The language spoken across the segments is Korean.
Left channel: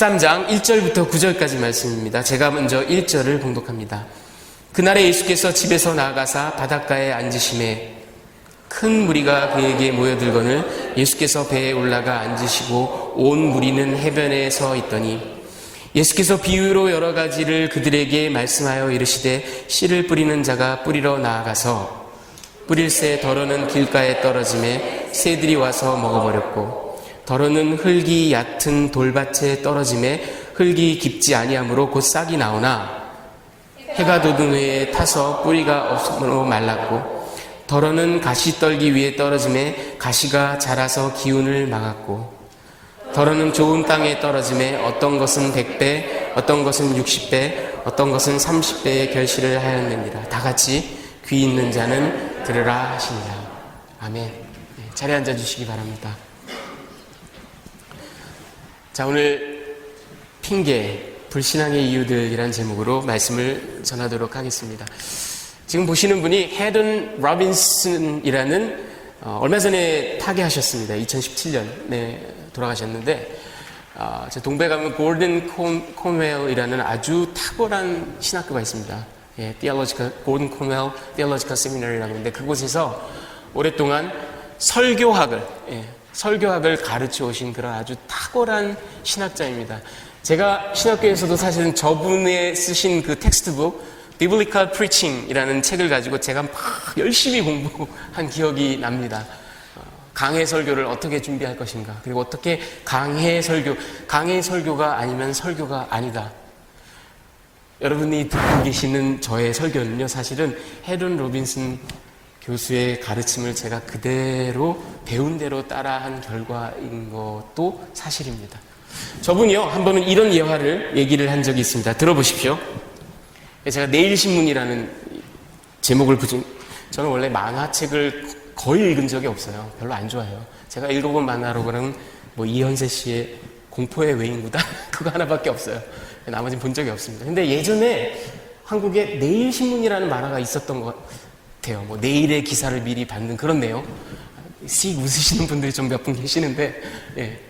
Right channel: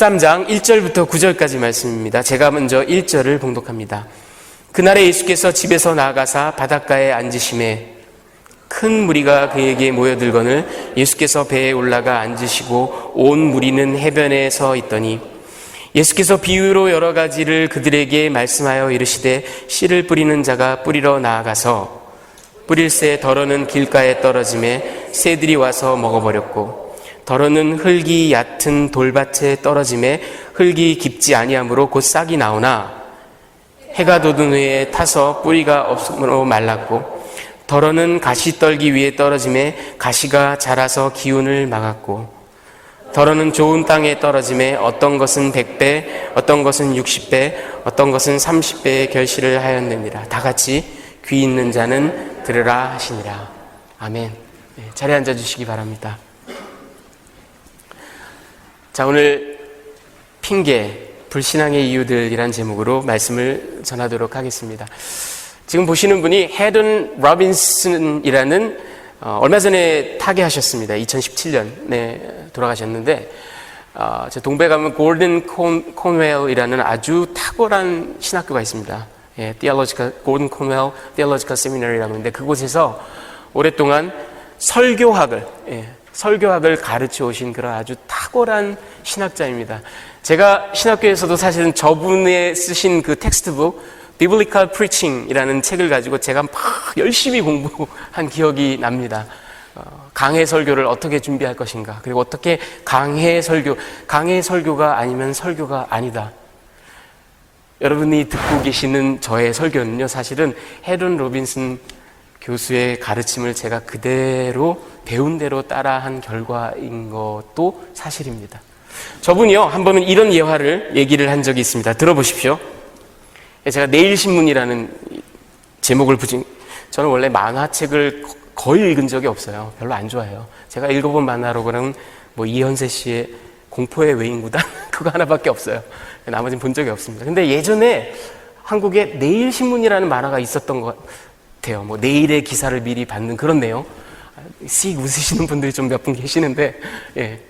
13장 1절부터 9절까지 말씀입니다. 제가 먼저 1절을 봉독합니다. 그날에 예수께서 집에서 나아가사 바닷가에 앉으심에 큰 무리가 그에게 모여들거늘 예수께서 배에 올라가 앉으시고 온 무리는 해변에 서 있더니 예수께서 비유로 여러 가지를 그들에게 말씀하여 이르시되 씨를 뿌리는 자가 뿌리러 나아가서 뿌릴새 덜어는 길가에 떨어짐에 새들이 와서 먹어버렸고 덜어는 흙이 얕은 돌밭에 떨어짐에 흙이 깊지 아니하므로 곧 싹이 나오나 해가 돋은 후에 타서 뿌리가 없으므로 말랐고 덜어는 가시떨기 위에 떨어짐에 가시가 자라서 기운을 막았고 덜어는 좋은 땅에 떨어짐에 어떤 것은 100배 어떤 것은 60배 어떤 것은 30배의 결실을 하였느니라. 다 같이 귀 있는 자는 들으라 하시니라. 아멘. 자리에 앉아주시기 바랍니다. 자, 오늘 핑계 불신앙의 이유들이란 제목으로 말씀을 전하도록 하겠습니다. 지금 보시는 분이 헤든 로빈슨이라는 얼마 전에 타계하셨습니다. 2017년에 돌아가셨는데 제 동배 가면 골든 콘웰이라는 아주 탁월한 신학교가 있습니다. 골든 콘웰 디얼로지컬 세미너리라고 하는데 그곳에서 오랫동안 설교학을 가르쳐 오신 그런 아주 탁월한 신학자입니다. 제가 신학교에서도 사실은 저분의 쓰신 그 텍스트북 Biblical Preaching이라는 책을 가지고 제가 막 열심히 공부한 기억이 납니다. 강해 설교를 어떻게 준비할 것인가, 그리고 어떻게 강해 설교가 아니면 설교가 아니다. 여러분이 듣고 계시는 저의 설교는요, 사실은 헤든 로빈슨 교수의 가르침을 제가 그대로 배운 대로 따라한 결과인 것도 사실입니다. 저분이요, 한 번은 이런 얘기를 한 적이 있습니다. 들어보십시오. 제가 내일신문이라는 제목을 붙인, 저는 원래 만화책을 거의 읽은 적이 없어요. 별로 안 좋아해요. 제가 읽어본 만화로 그러면 이현세 씨의 공포의 외인구단 그거 하나밖에 없어요. 나머지는 본 적이 없습니다. 근데 예전에 한국에 내일신문이라는 만화가 있었던 것 같아요. 내일의 기사를 미리 받는 그런 내용. 씩 웃으시는 분들이 좀 몇 분 계시는데, 예.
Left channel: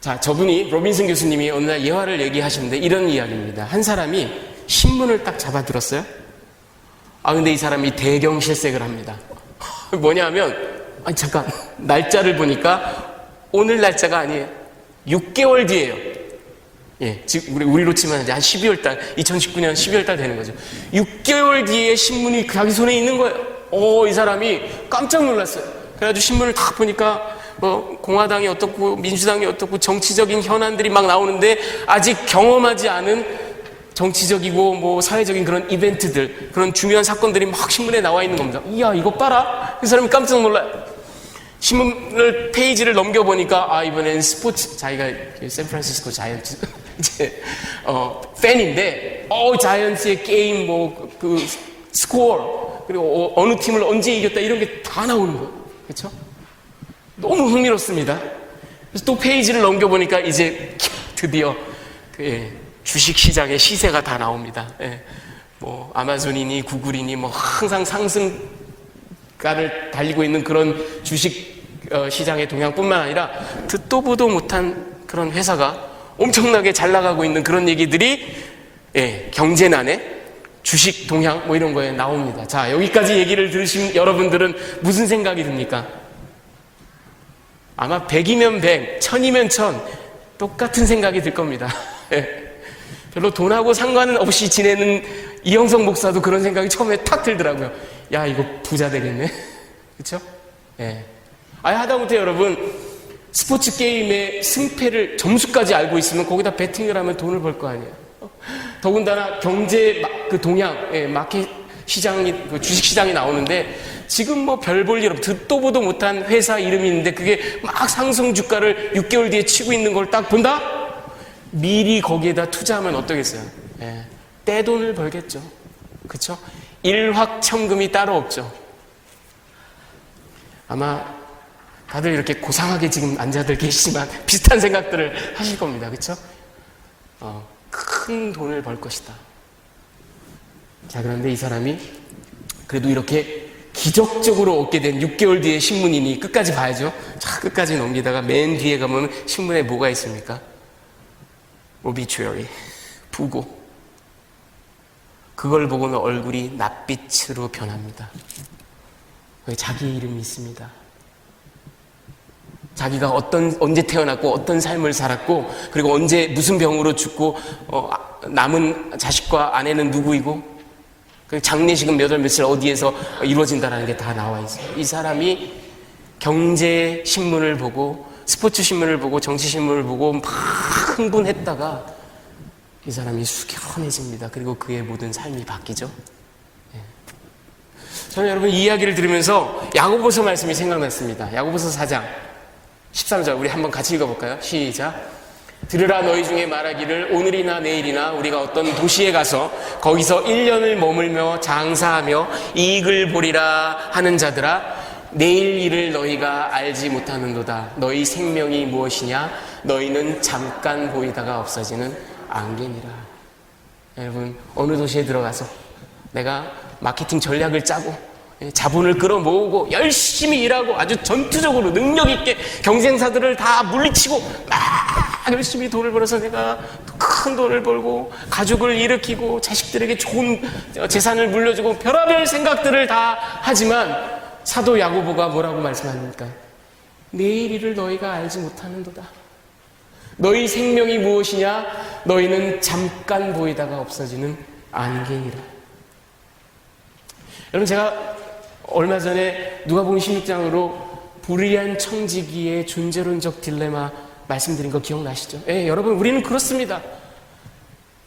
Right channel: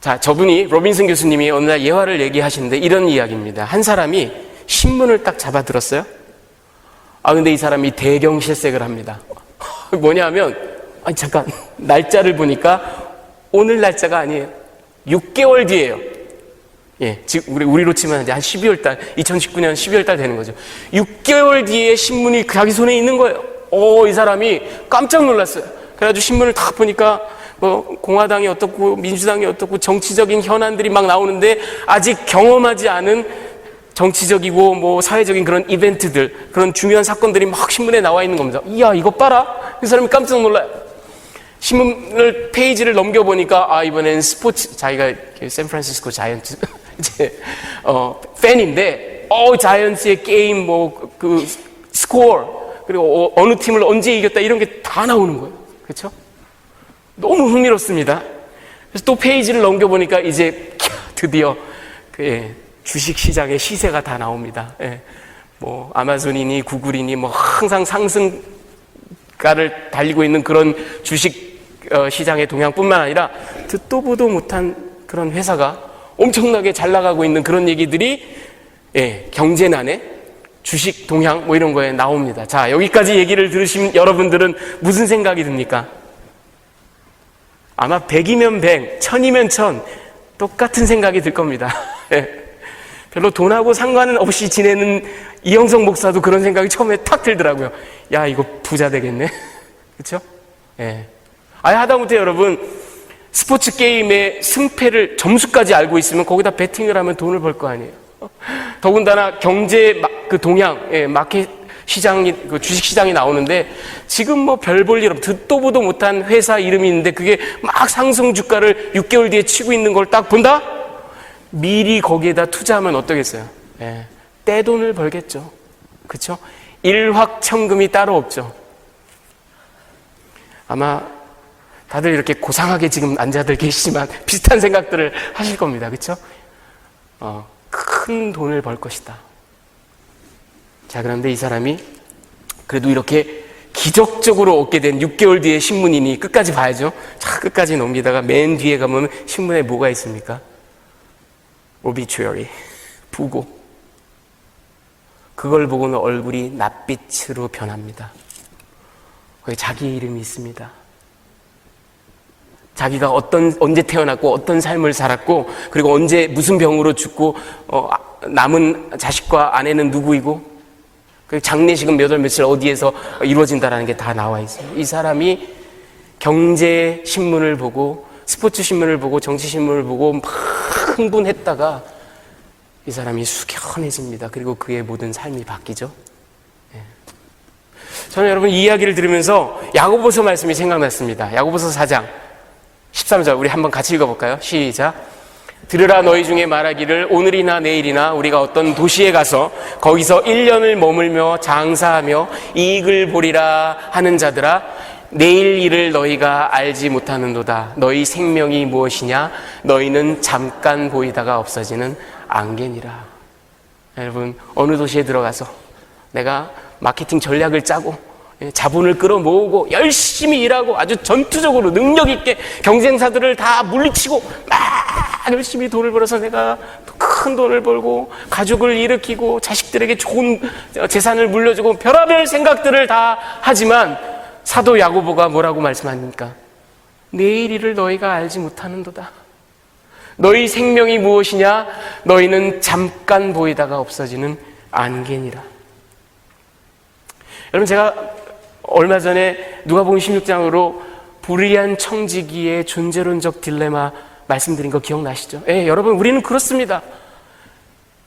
자, 저분이 로빈슨 교수님이 어느 날 예화를 얘기하시는데 이런 이야기입니다. 한 사람이 신문을 딱 잡아들었어요. 근데 이 사람이 대경실색을 합니다. 뭐냐면, 잠깐, 날짜를 보니까 오늘 날짜가 아니에요. 6개월 뒤에요. 예, 지금 우리로 치면 이제 한 12월 달, 2019년 12월 달 되는 거죠. 6개월 뒤에 신문이 자기 손에 있는 거예요. 이 사람이 깜짝 놀랐어요. 그래가지고 신문을 딱 보니까 공화당이 어떻고 민주당이 어떻고 정치적인 현안들이 막 나오는데 아직 경험하지 않은 정치적이고 사회적인 그런 이벤트들, 그런 중요한 사건들이 막 신문에 나와 있는 겁니다. 이야, 이거 봐라. 이 사람이 깜짝 놀라요. 신문을 페이지를 넘겨보니까 이번엔 스포츠, 자기가 샌프란시스코 자이언츠 이제 팬인데 자이언츠의 게임 그 스코어, 그리고 어느 팀을 언제 이겼다 이런 게 다 나오는 거예요. 그렇죠? 너무 흥미롭습니다. 그래서 또 페이지를 넘겨보니까 이제 드디어 주식시장의 시세가 다 나옵니다. 예. 아마존이니 구글이니 항상 상승가를 달리고 있는 그런 주식 시장의 동향뿐만 아니라 듣도 보도 못한 그런 회사가 엄청나게 잘 나가고 있는 그런 얘기들이 경제난에 주식 동향 이런 거에 나옵니다. 자, 여기까지 얘기를 들으신 여러분들은 무슨 생각이 듭니까? 아마 100이면 100, 1000이면 1000 똑같은 생각이 들 겁니다. 별로 돈하고 상관은 없이 지내는 이영석 목사도 그런 생각이 처음에 탁 들더라고요. 야, 이거 부자 되겠네. 그렇죠? 예. 하다못해 여러분, 스포츠 게임의 승패를 점수까지 알고 있으면 거기다 베팅을 하면 돈을 벌 거 아니에요. 더군다나 경제 그 동향, 마켓 시장이, 그 주식 시장이 나오는데 지금 별 볼 일 없, 듣도 보도 못한 회사 이름이 있는데 그게 막 상승 주가를 6개월 뒤에 치고 있는 걸 딱 본다? 미리 거기에다 투자하면 어떠겠어요? 떼돈을 벌겠죠. 그렇죠? 일확천금이 따로 없죠. 아마 다들 이렇게 고상하게 지금 앉아들 계시지만 비슷한 생각들을 하실 겁니다. 그렇죠? 큰 돈을 벌 것이다. 자, 그런데 이 사람이 그래도 이렇게 기적적으로 얻게 된 6개월 뒤에 신문이니 끝까지 봐야죠. 자, 끝까지 넘기다가 맨 뒤에 가면 신문에 뭐가 있습니까? obituary, 부고. 그걸 보고는 얼굴이 낯빛으로 변합니다. 거기 자기 이름이 있습니다. 자기가 언제 태어났고 어떤 삶을 살았고, 그리고 언제 무슨 병으로 죽고, 남은 자식과 아내는 누구이고, 그리고 장례식은 몇 월 며칠 어디에서 이루어진다라는 게 다 나와 있어요. 이 사람이 경제 신문을 보고, 스포츠 신문을 보고, 정치 신문을 보고 막 흥분했다가 이 사람이 숙연해집니다. 그리고 그의 모든 삶이 바뀌죠. 저는 여러분 이 이야기를 들으면서 야고보서 말씀이 생각났습니다. 야고보서 4장 13절 우리 한번 같이 읽어볼까요? 시작. 들으라, 너희 중에 말하기를 오늘이나 내일이나 우리가 어떤 도시에 가서 거기서 1년을 머물며 장사하며 이익을 보리라 하는 자들아, 내일 일을 너희가 알지 못하는도다. 너희 생명이 무엇이냐? 너희는 잠깐 보이다가 없어지는 안개니라. 여러분, 어느 도시에 들어가서 내가 마케팅 전략을 짜고 자본을 끌어모으고 열심히 일하고 아주 전투적으로 능력 있게 경쟁사들을 다 물리치고 막 열심히 돈을 벌어서 내가 큰 돈을 벌고 가족을 일으키고 자식들에게 좋은 재산을 물려주고 별의별 생각들을 다 하지만, 사도 야고보가 뭐라고 말씀합니까? 내일 일을 너희가 알지 못하는도다. 너희 생명이 무엇이냐? 너희는 잠깐 보이다가 없어지는 안개니라. 여러분, 제가 얼마 전에 누가복음 16장으로 불의한 청지기의 존재론적 딜레마 말씀드린 거 기억나시죠? 예, 여러분, 우리는 그렇습니다.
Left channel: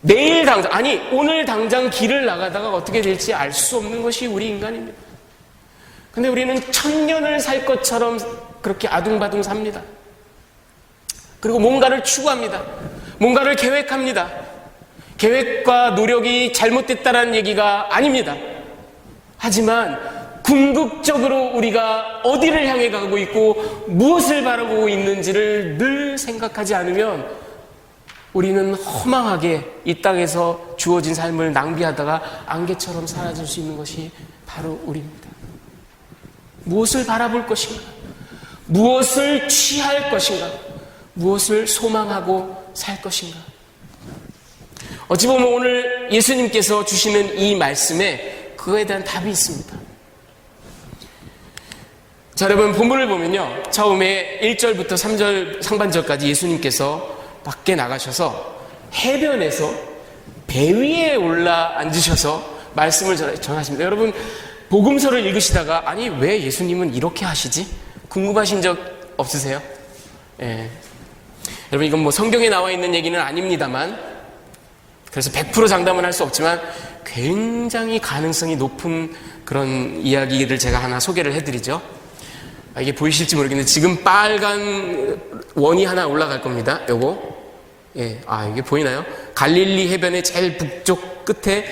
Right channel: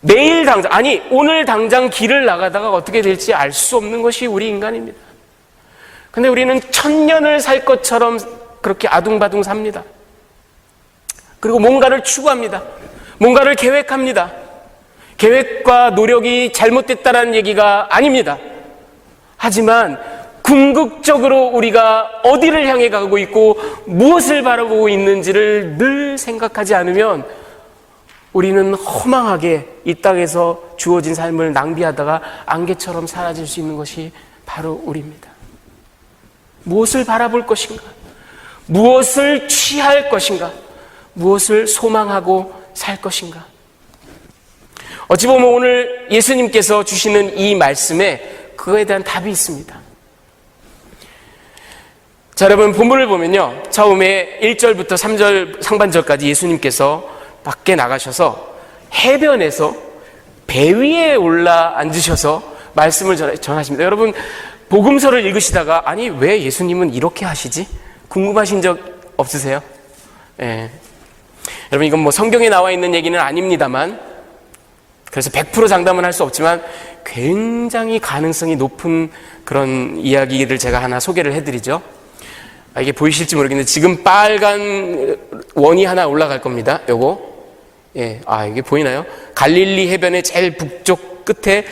내일 당장, 아니 오늘 당장 길을 나가다가 어떻게 될지 알 수 없는 것이 우리 인간입니다. 근데 우리는 1000년을 살 것처럼 그렇게 아둥바둥 삽니다. 그리고 뭔가를 추구합니다. 뭔가를 계획합니다. 계획과 노력이 잘못됐다는 얘기가 아닙니다. 하지만 궁극적으로 우리가 어디를 향해 가고 있고 무엇을 바라보고 있는지를 늘 생각하지 않으면 우리는 허망하게 이 땅에서 주어진 삶을 낭비하다가 안개처럼 사라질 수 있는 것이 바로 우리입니다. 무엇을 바라볼 것인가? 무엇을 취할 것인가? 무엇을 소망하고 살 것인가? 어찌 보면 오늘 예수님께서 주시는 이 말씀에 그거에 대한 답이 있습니다. 자, 여러분, 본문을 보면요, 처음에 1절부터 3절 상반절까지 예수님께서 밖에 나가셔서 해변에서 배 위에 올라 앉으셔서 말씀을 전하십니다. 여러분, 복음서를 읽으시다가 아니 왜 예수님은 이렇게 하시지? 궁금하신 적 없으세요? 예. 여러분, 이건 뭐 성경에 나와 있는 얘기는 아닙니다만, 그래서 100% 장담은 할 수 없지만 굉장히 가능성이 높은 그런 이야기를 제가 하나 소개를 해드리죠. 이게 보이실지 모르겠는데 지금 빨간 원이 하나 올라갈 겁니다. 요거, 예, 이게 보이나요? 갈릴리 해변의 제일 북쪽 끝에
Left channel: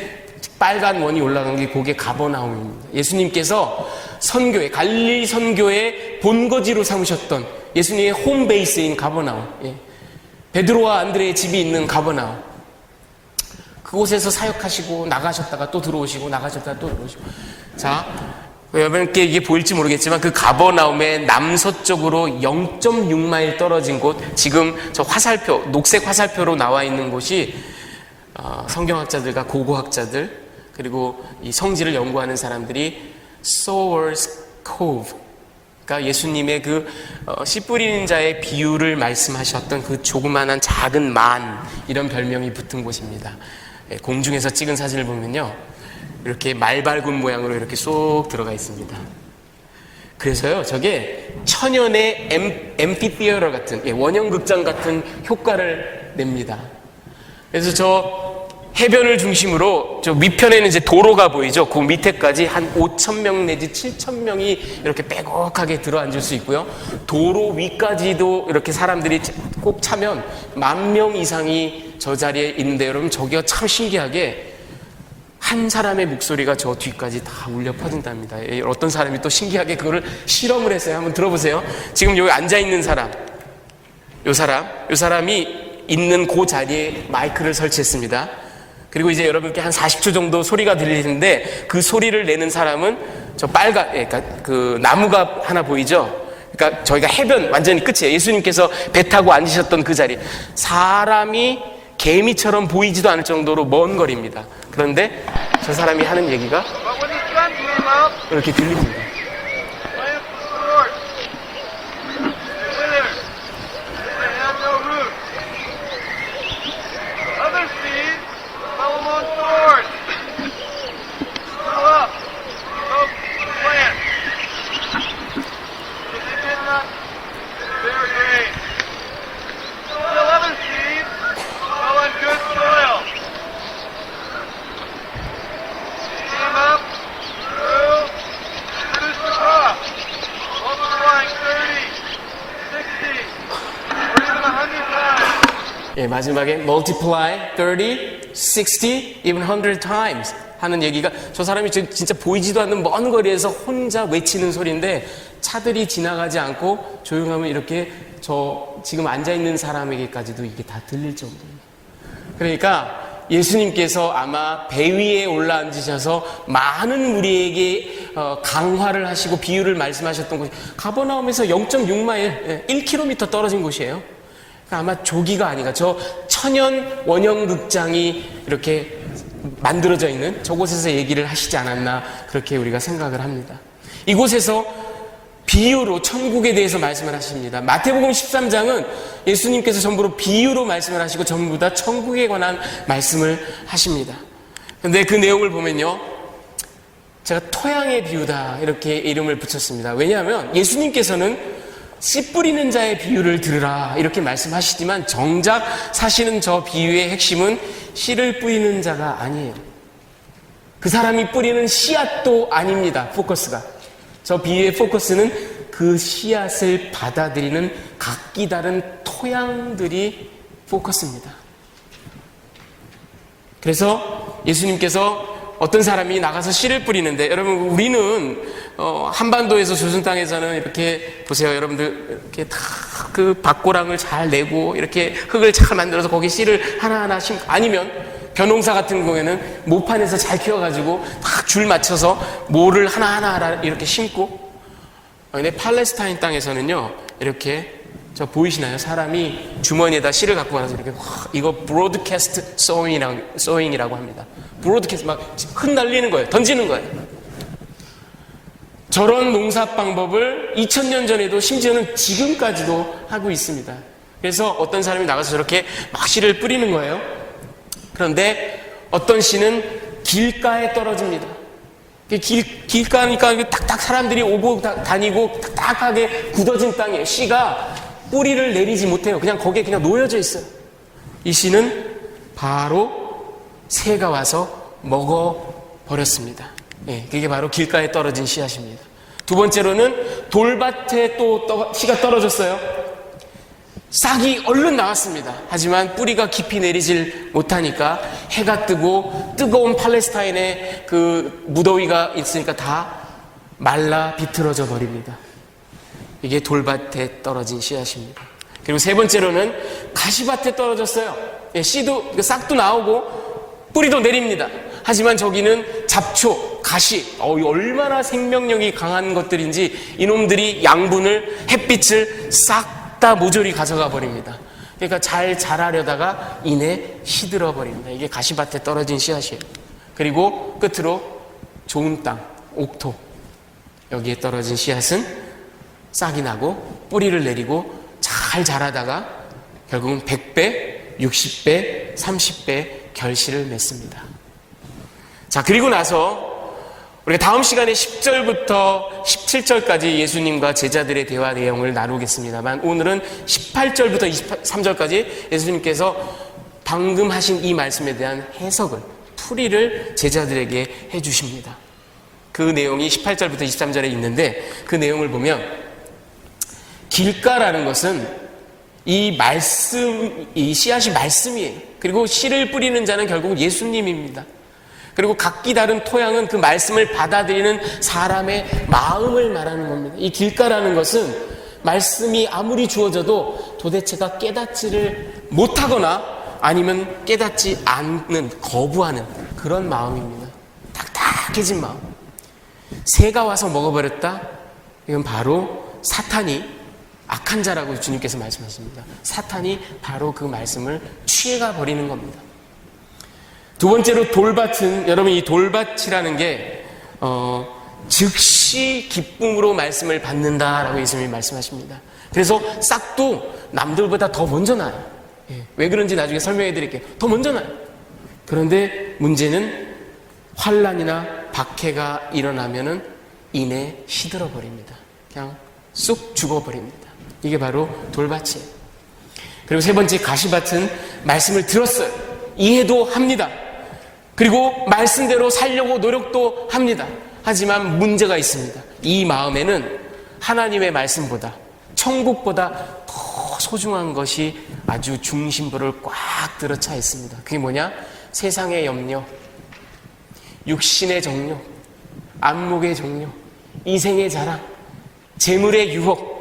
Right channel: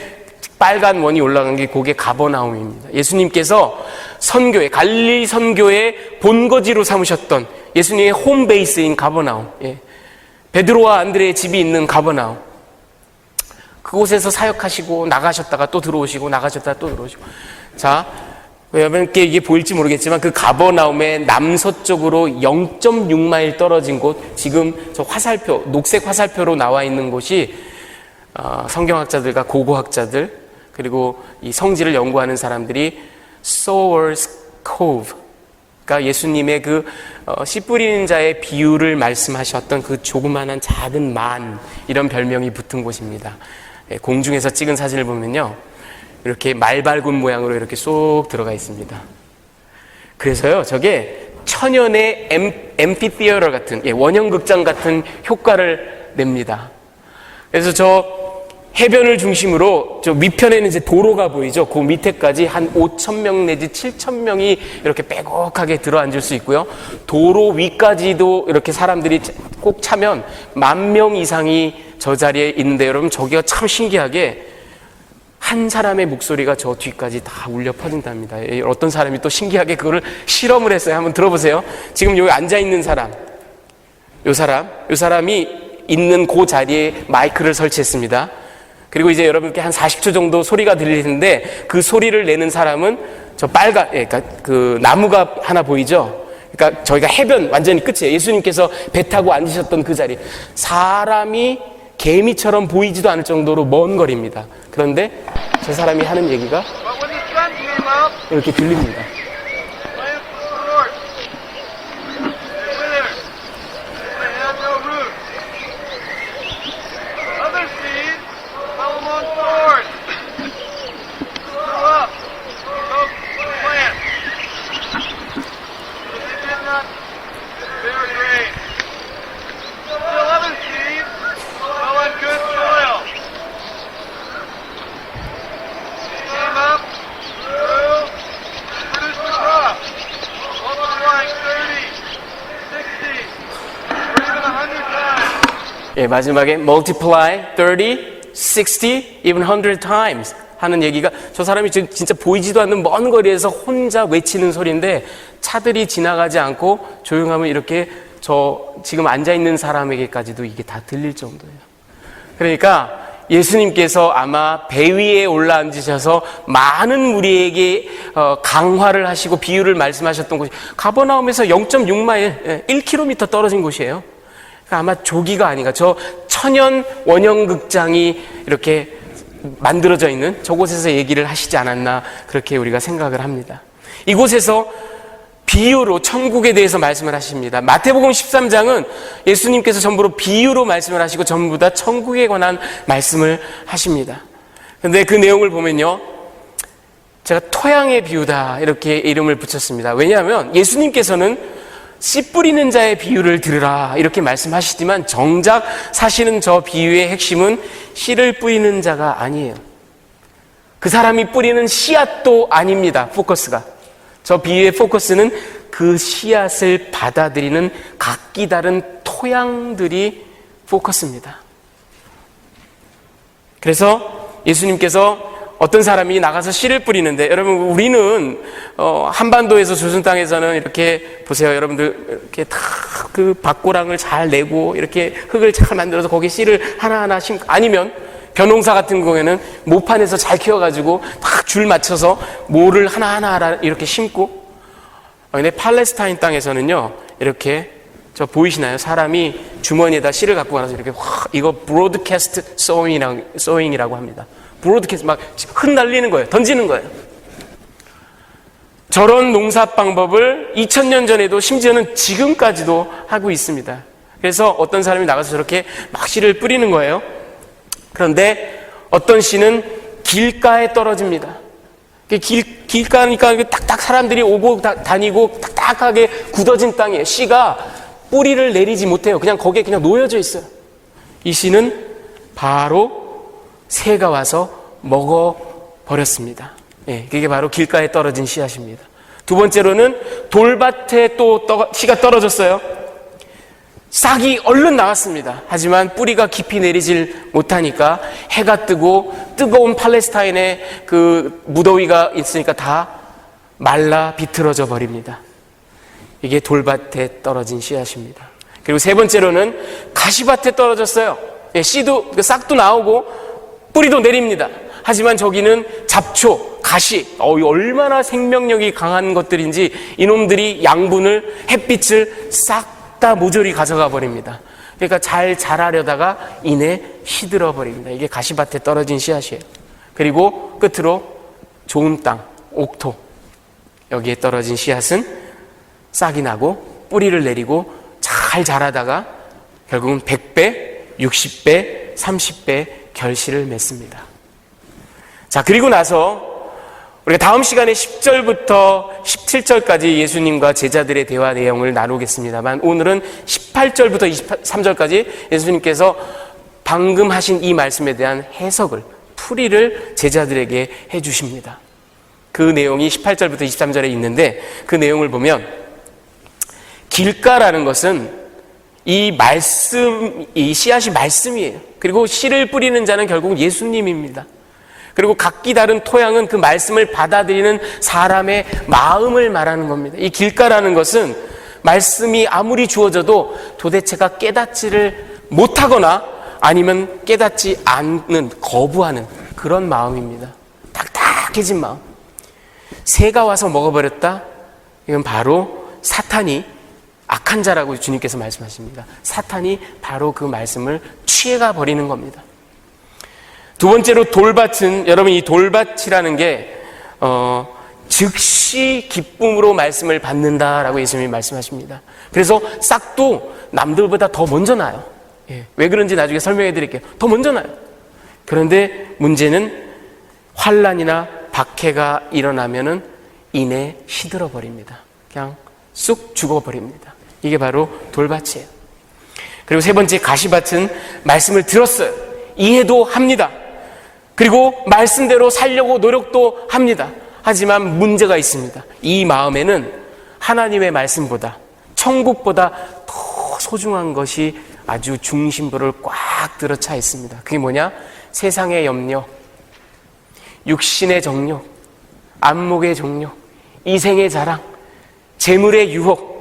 빨간 원이 올라간 게 그게 가버나움입니다. 예수님께서 선교회, 갈릴리 선교의 본거지로 삼으셨던 예수님의 홈베이스인 가버나움, 예, 베드로와 안드레의 집이 있는 가버나움, 그곳에서 사역하시고 나가셨다가 또 들어오시고 나가셨다가 또 들어오시고. 자, 여러분께 이게 보일지 모르겠지만 그 가버나움의 남서쪽으로 0.6마일 떨어진 곳, 지금 저 화살표, 녹색 화살표로 나와 있는 곳이 성경학자들과 고고학자들 그리고 이 성지를 연구하는 사람들이 Sower's Cove, 그러니까 예수님의 그 씨 뿌리는 자의 비유를 말씀하셨던 그 조그만한 작은 만, 이런 별명이 붙은 곳입니다. 공중에서 찍은 사진을 보면요, 이렇게 말발굽 모양으로 이렇게 쏙 들어가 있습니다. 그래서요, 저게 천연의 앰피티어터 같은, 원형극장 같은 효과를 냅니다. 그래서 저 해변을 중심으로 저 위편에는 이제 도로가 보이죠. 그 밑에까지 한 5,000명 내지 7,000명이 이렇게 빼곡하게 들어앉을 수 있고요. 도로 위까지도 이렇게 사람들이 꼭 차면 10,000명 이상이 저 자리에 있는데, 여러분, 저기가 참 신기하게 한 사람의 목소리가 저 뒤까지 다 울려 퍼진답니다. 어떤 사람이 또 신기하게 그거를 실험을 했어요. 한번 들어보세요. 지금 여기 앉아있는 사람, 요 사람이 있는 그 자리에 마이크를 설치했습니다. 그리고 이제 여러분께 한 40초 정도 소리가 들리는데, 그 소리를 내는 사람은 저 빨간, 그러니까 그 나무가 하나 보이죠? 그러니까 저희가 해변 완전히 끝이에요. 예수님께서 배 타고 앉으셨던 그 자리, 사람이 개미처럼 보이지도 않을 정도로 먼 거리입니다. 그런데 저 사람이 하는 얘기가 이렇게 들립니다. 예, 마지막에 multiply 30, 60, even 100 times 하는 얘기가 저 사람이 진짜 보이지도 않는 먼 거리에서 혼자 외치는 소리인데 차들이 지나가지 않고 조용하면 이렇게 저 지금 앉아있는 사람에게까지도 이게 다 들릴 정도예요. 그러니까 예수님께서 아마 배 위에 올라앉으셔서 많은 무리에게 강화를 하시고 비유를 말씀하셨던 곳이 가버나움에서 0.6마일, 1km 떨어진 곳이에요. 그러니까 아마 조기가 아닌가. 저 천연 원형극장이 이렇게 만들어져 있는 저곳에서 얘기를 하시지 않았나 그렇게 우리가 생각을 합니다. 이곳에서 비유로 천국에 대해서 말씀을 하십니다. 마태복음 13장은 예수님께서 전부로 비유로 말씀을 하시고 전부 다 천국에 관한 말씀을 하십니다. 그런데 그 내용을 보면요, 제가 토양의 비유다 이렇게 이름을 붙였습니다. 왜냐하면 예수님께서는 씨 뿌리는 자의 비유를 들으라 이렇게 말씀하시지만 정작 사실은 저 비유의 핵심은 씨를 뿌리는 자가 아니에요. 그 사람이 뿌리는 씨앗도 아닙니다. 포커스가. 저 비유의 포커스는 그 씨앗을 받아들이는 각기 다른 토양들이 포커스입니다. 그래서 예수님께서 어떤 사람이 나가서 씨를 뿌리는데, 여러분 우리는 한반도에서 조선 땅에서는 이렇게 보세요. 여러분들 이렇게 다 그 밭고랑을 잘 내고 이렇게 흙을 잘 만들어서 거기에 씨를 하나하나 심고, 아니면 벼농사 같은 경우에는 모판에서 잘 키워가지고 딱 줄 맞춰서 모를 하나하나 이렇게 심고. 근데 팔레스타인 땅에서는요, 이렇게 저 보이시나요? 사람이 주머니에다 씨를 갖고 가서 이렇게 이거 브로드캐스트 소잉이라고 합니다. 브로드캐스트 막 흩날리는 거예요. 던지는 거예요. 저런 농사 방법을 2000년 전에도 심지어는 지금까지도 하고 있습니다. 그래서 어떤 사람이 나가서 저렇게 막 씨를 뿌리는 거예요. 그런데 어떤 씨는 길가에 떨어집니다. 길가니까 딱딱 사람들이 오고 다니고 딱딱하게 굳어진 땅이에요. 씨가 뿌리를 내리지 못해요. 그냥 거기에 그냥 놓여져 있어요. 이 씨는 바로 새가 와서 먹어버렸습니다. 예, 그게 바로 길가에 떨어진 씨앗입니다. 두 번째로는 돌밭에 또 씨가 떨어졌어요. 싹이 얼른 나왔습니다. 하지만 뿌리가 깊이 내리질 못하니까 해가 뜨고 뜨거운 팔레스타인의 그 무더위가 있으니까 다 말라 비틀어져 버립니다. 이게 돌밭에 떨어진 씨앗입니다. 그리고 세 번째로는 가시밭에 떨어졌어요. 예, 씨도 싹도 나오고 뿌리도 내립니다. 하지만 저기는 잡초, 가시, 얼마나 생명력이 강한 것들인지 이놈들이 양분을, 햇빛을 싹 다 모조리 가져가 버립니다. 그러니까 잘 자라려다가 이내 시들어 버립니다. 이게 가시밭에 떨어진 씨앗이에요. 그리고 끝으로 좋은 땅, 옥토, 여기에 떨어진 씨앗은 싹이 나고 뿌리를 내리고 잘 자라다가 결국은 100배, 60배, 30배 결실을 맺습니다. 자, 그리고 나서 우리가 다음 시간에 10절부터 17절까지 예수님과 제자들의 대화 내용을 나누겠습니다만, 오늘은 18절부터 23절까지 예수님께서 방금 하신 이 말씀에 대한 해석을, 풀이를 제자들에게 해주십니다. 그 내용이 18절부터 23절에 있는데, 그 내용을 보면 길가라는 것은 이 씨앗이 말씀이에요. 그리고 씨를 뿌리는 자는 결국 예수님입니다. 그리고 각기 다른 토양은 그 말씀을 받아들이는 사람의 마음을 말하는 겁니다. 이 길가라는 것은 말씀이 아무리 주어져도 도대체가 깨닫지를 못하거나 아니면 깨닫지 않는, 거부하는 그런 마음입니다. 딱딱해진 마음. 새가 와서 먹어버렸다? 이건 바로 사탄이 악한 자라고 주님께서 말씀하십니다. 사탄이 바로 그 말씀을 취해가 버리는 겁니다. 두 번째로 돌밭은, 여러분 이 돌밭이라는 게 즉시 기쁨으로 말씀을 받는다라고 예수님이 말씀하십니다. 그래서 싹도 남들보다 더 먼저 나요. 왜 그런지 나중에 설명해 드릴게요. 더 먼저 나요. 그런데 문제는 환난이나 박해가 일어나면은 이내 시들어 버립니다. 그냥 쑥 죽어버립니다. 이게 바로 돌밭이에요. 그리고 세 번째 가시밭은 말씀을 들었어요. 이해도 합니다. 그리고 말씀대로 살려고 노력도 합니다. 하지만 문제가 있습니다. 이 마음에는 하나님의 말씀보다, 천국보다 더 소중한 것이 아주 중심부를 꽉 들어차 있습니다. 그게 뭐냐? 세상의 염려, 육신의 정욕, 안목의 정욕, 이생의 자랑, 재물의 유혹,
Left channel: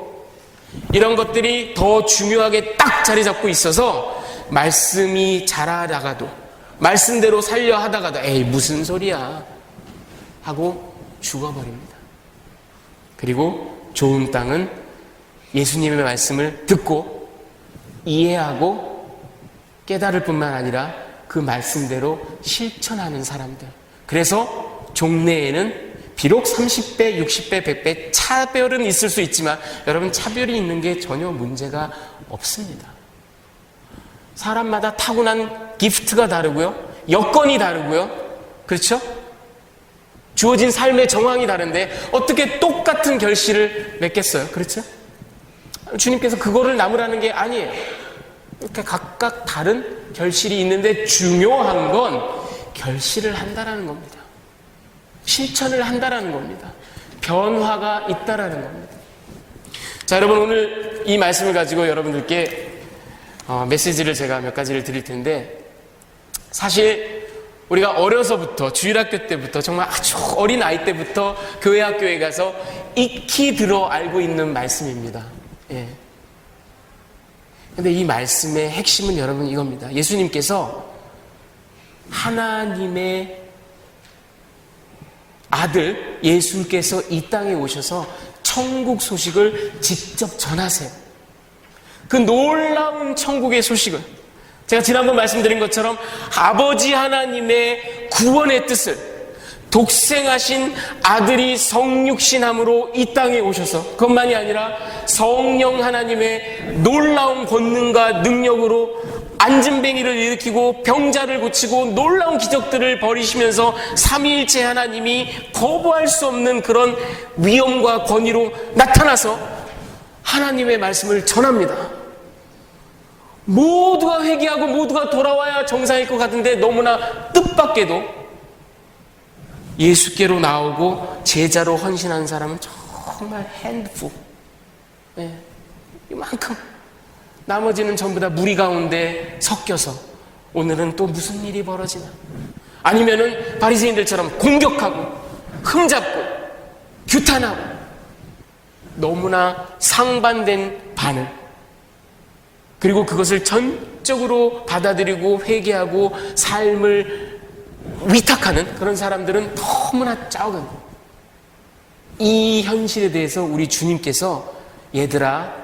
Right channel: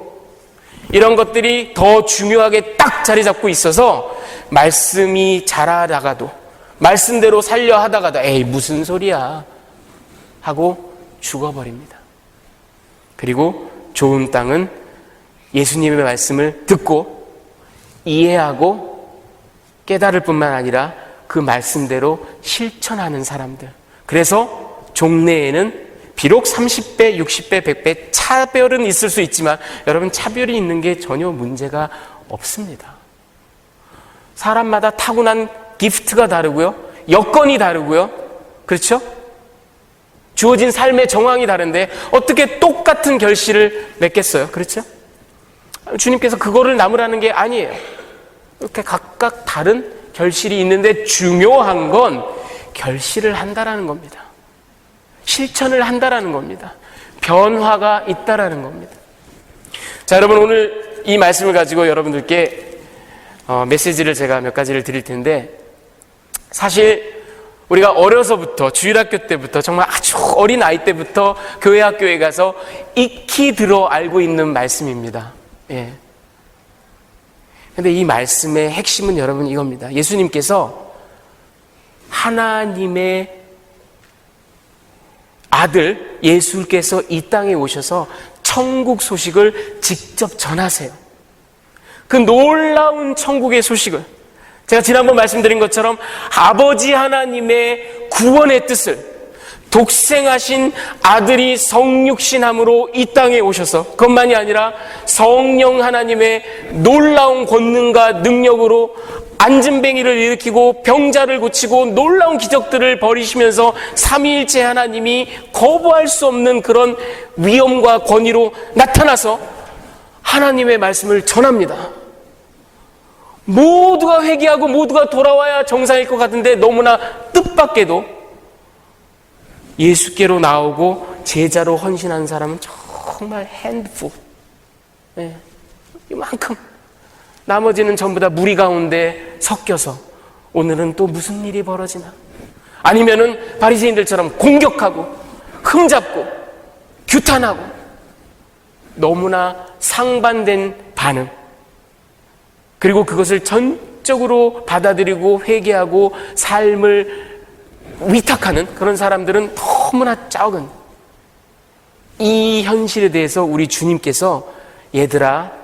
이런 것들이 더 중요하게 딱 자리 잡고 있어서 말씀이 자라다가도, 말씀대로 살려 하다가도 에이 무슨 소리야 하고 죽어버립니다. 그리고 좋은 땅은 예수님의 말씀을 듣고 이해하고 깨달을 뿐만 아니라 그 말씀대로 실천하는 사람들. 그래서 종래에는 비록 30배, 60배, 100배 차별은 있을 수 있지만 여러분, 차별이 있는 게 전혀 문제가 없습니다. 사람마다 타고난 기프트가 다르고요, 여건이 다르고요, 그렇죠? 주어진 삶의 정황이 다른데 어떻게 똑같은 결실을 맺겠어요? 그렇죠? 주님께서 그거를 남으라는 게 아니에요. 이렇게 각각 다른 결실이 있는데 중요한 건 결실을 한다라는 겁니다. 실천을 한다라는 겁니다. 변화가 있다라는 겁니다. 자, 여러분, 오늘 이 말씀을 가지고 여러분들께 메시지를 제가 몇 가지를 드릴 텐데, 사실 우리가 어려서부터, 주일학교 때부터, 정말 아주 어린 아이 때부터 교회 학교에 가서 익히 들어 알고 있는 말씀입니다. 예. 근데 이 말씀의 핵심은 여러분 이겁니다. 예수님께서 하나님의 아들 예수께서 이 땅에 오셔서 천국 소식을 직접 전하세요. 그 놀라운 천국의 소식을, 제가 지난번 말씀드린 것처럼 아버지 하나님의 구원의 뜻을, 독생하신 아들이 성육신함으로 이 땅에 오셔서, 그것만이 아니라 성령 하나님의 놀라운 권능과 능력으로 안진뱅이를 일으키고 병자를 고치고 놀라운 기적들을 벌이시면서 삼위일체 하나님이 거부할 수 없는 그런 위엄과 권위로 나타나서 하나님의 말씀을 전합니다. 모두가 회개하고 모두가 돌아와야 정상일 것 같은데 너무나 뜻밖에도 예수께로 나오고 제자로 헌신한 사람은 정말 핸드풀, 이만큼. 나머지는 전부 다 무리 가운데 섞여서 오늘은 또 무슨 일이 벌어지나, 아니면은 바리새인들처럼 공격하고 흠잡고 규탄하고, 너무나 상반된 반응, 그리고 그것을 전적으로 받아들이고 회개하고 삶을 위탁하는 그런 사람들은 너무나 적은, 이 현실에 대해서 우리 주님께서 얘들아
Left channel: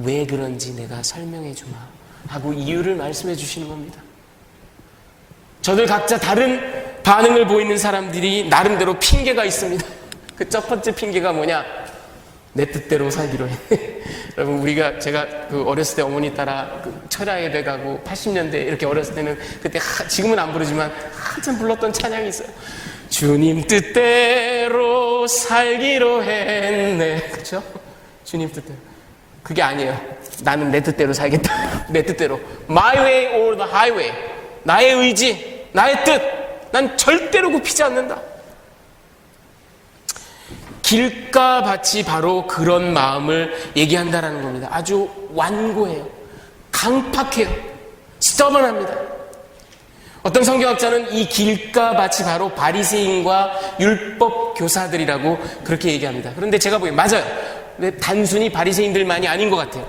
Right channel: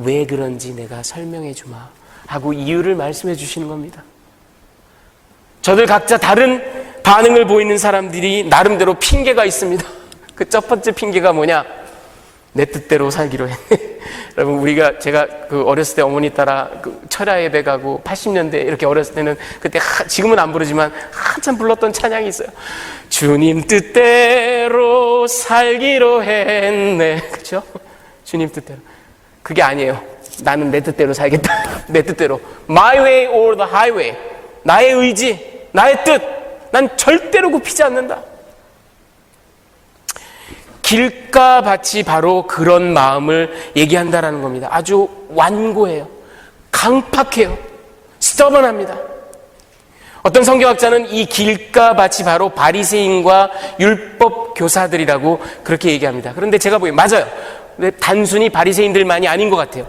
왜 그런지 내가 설명해 주마 하고 이유를 말씀해 주시는 겁니다. 저들 각자 다른 반응을 보이는 사람들이 나름대로 핑계가 있습니다. 그 첫 번째 핑계가 뭐냐? 내 뜻대로 살기로 했네. 여러분, 제가 그 어렸을 때 어머니 따라 그 철야 예배 가고 80년대 이렇게 어렸을 때는 그때 지금은 안 부르지만 한참 불렀던 찬양이 있어요. 주님 뜻대로 살기로 했네. 그렇죠? 주님 뜻대로. 그게 아니에요. 나는 내 뜻대로 살겠다. 내 뜻대로. My way or the highway. 나의 의지, 나의 뜻. 난 절대로 굽히지 않는다. 길가 밭이 바로 그런 마음을 얘기한다라는 겁니다. 아주 완고해요. 강팍해요. stubborn합니다. 어떤 성경학자는 이 길가 밭이 바로 바리새인과 율법 교사들이라고 그렇게 얘기합니다. 그런데 제가 보기엔 맞아요. 근데 단순히 바리새인들만이 아닌 것 같아요.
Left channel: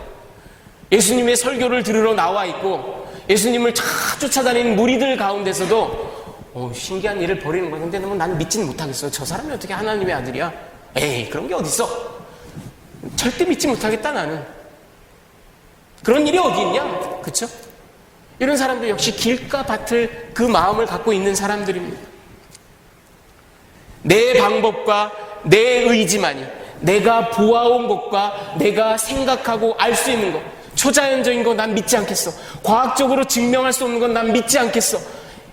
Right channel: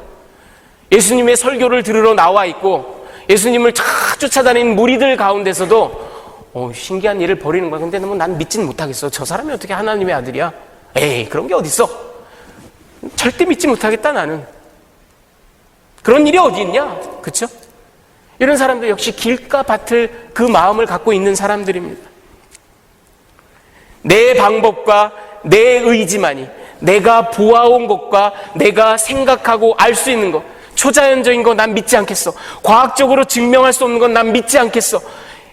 예수님의 설교를 들으러 나와 있고 예수님을 쫓아다니는 무리들 가운데서도 신기한 일을 벌이는 거야. 근데 난 믿지는 못하겠어. 저 사람이 어떻게 하나님의 아들이야? 에이, 그런 게 어딨어? 절대 믿지 못하겠다 나는. 그런 일이 어디 있냐? 그렇죠? 이런 사람들 역시 길가 밭을 그 마음을 갖고 있는 사람들입니다. 내 방법과 내 의지만이, 내가 보아온 것과 내가 생각하고 알 수 있는 것, 초자연적인 거 난 믿지 않겠어. 과학적으로 증명할 수 없는 건 난 믿지 않겠어.